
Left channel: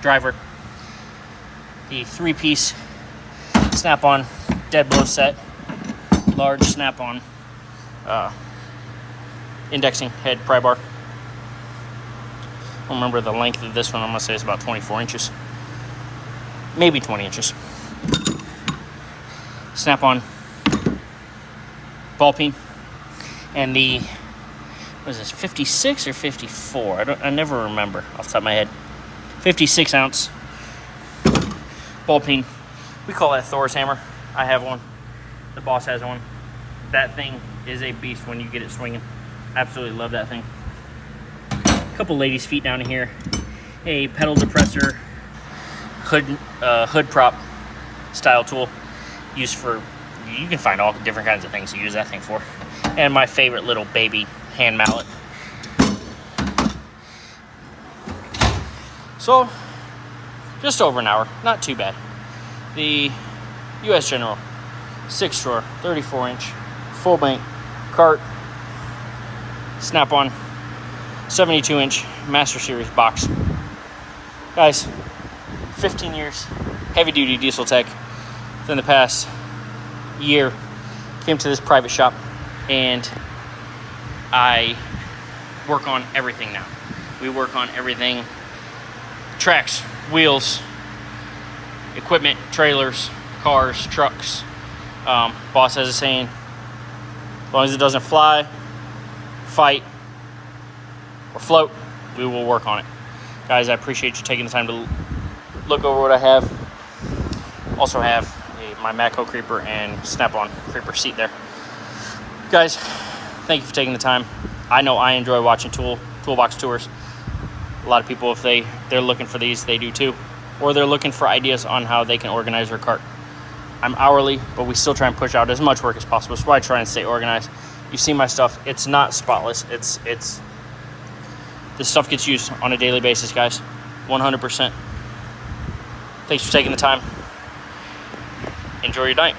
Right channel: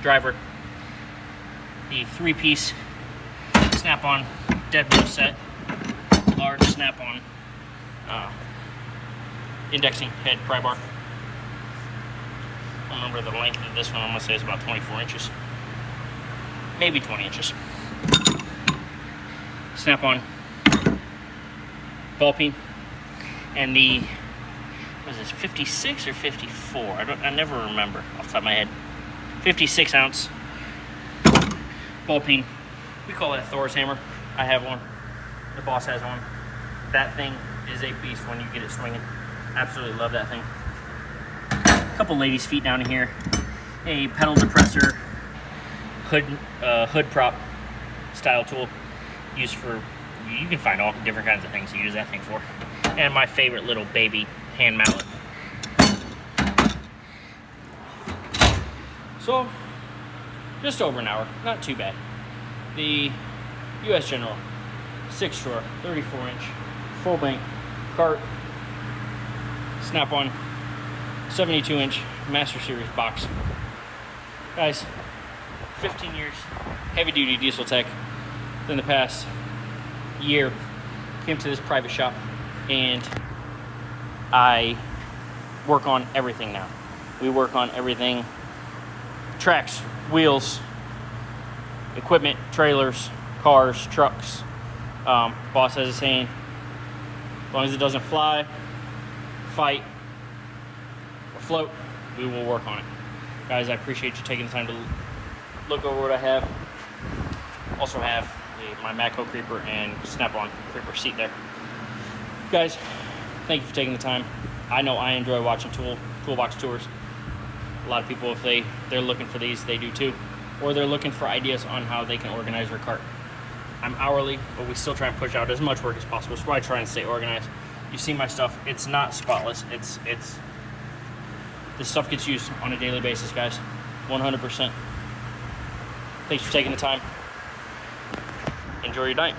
driver, the 3-piece Snap-on dead blow set, large Snap-on indexing head pry bar. I don't remember the length of this one. I'm gonna say it's about 24 inches, maybe 20 inches. Snap-on ball peen, and the, what is this, 56 or 54? I never remember off the top of my head. 56 ounce ball peen. We call that Thor's hammer. I have one. The boss has one. That thing is a beast when you get it swinging. Absolutely love that thing. A couple ladies' feet down in here. A pedal depressor, hood prop style tool used for, you can find all different kinds of things to use that thing for. And my favorite little baby hand mallet. So, just over an hour, not too bad. The US General 6-drawer, 34-inch, full bank cart, Snap-on 72-inch Master Series box. Guys, 15 years, heavy-duty diesel tech. Within the past year, came to this private shop, and I work on everything now. We work on everything: tracks, wheels, equipment, trailers, cars, trucks. Boss has a saying: as long as it doesn't fly, fight, or float, we will work on it. Guys, I appreciate you taking the time to look over what I have. Also have my Matco creeper and Snap-on creeper seat there. Guys, thank you for taking the time. I know I enjoy watching Toolbox tours. A lot of people, if they're looking for these, they do too. Or they're looking for ideas on how they can organize their cart. I'm hourly, but we still try and push out as much work as possible. So I try and stay organized. You see my stuff, it's not spotless. It's this stuff gets used on a daily basis, guys. 100%. Thanks for taking the time. Enjoy your night.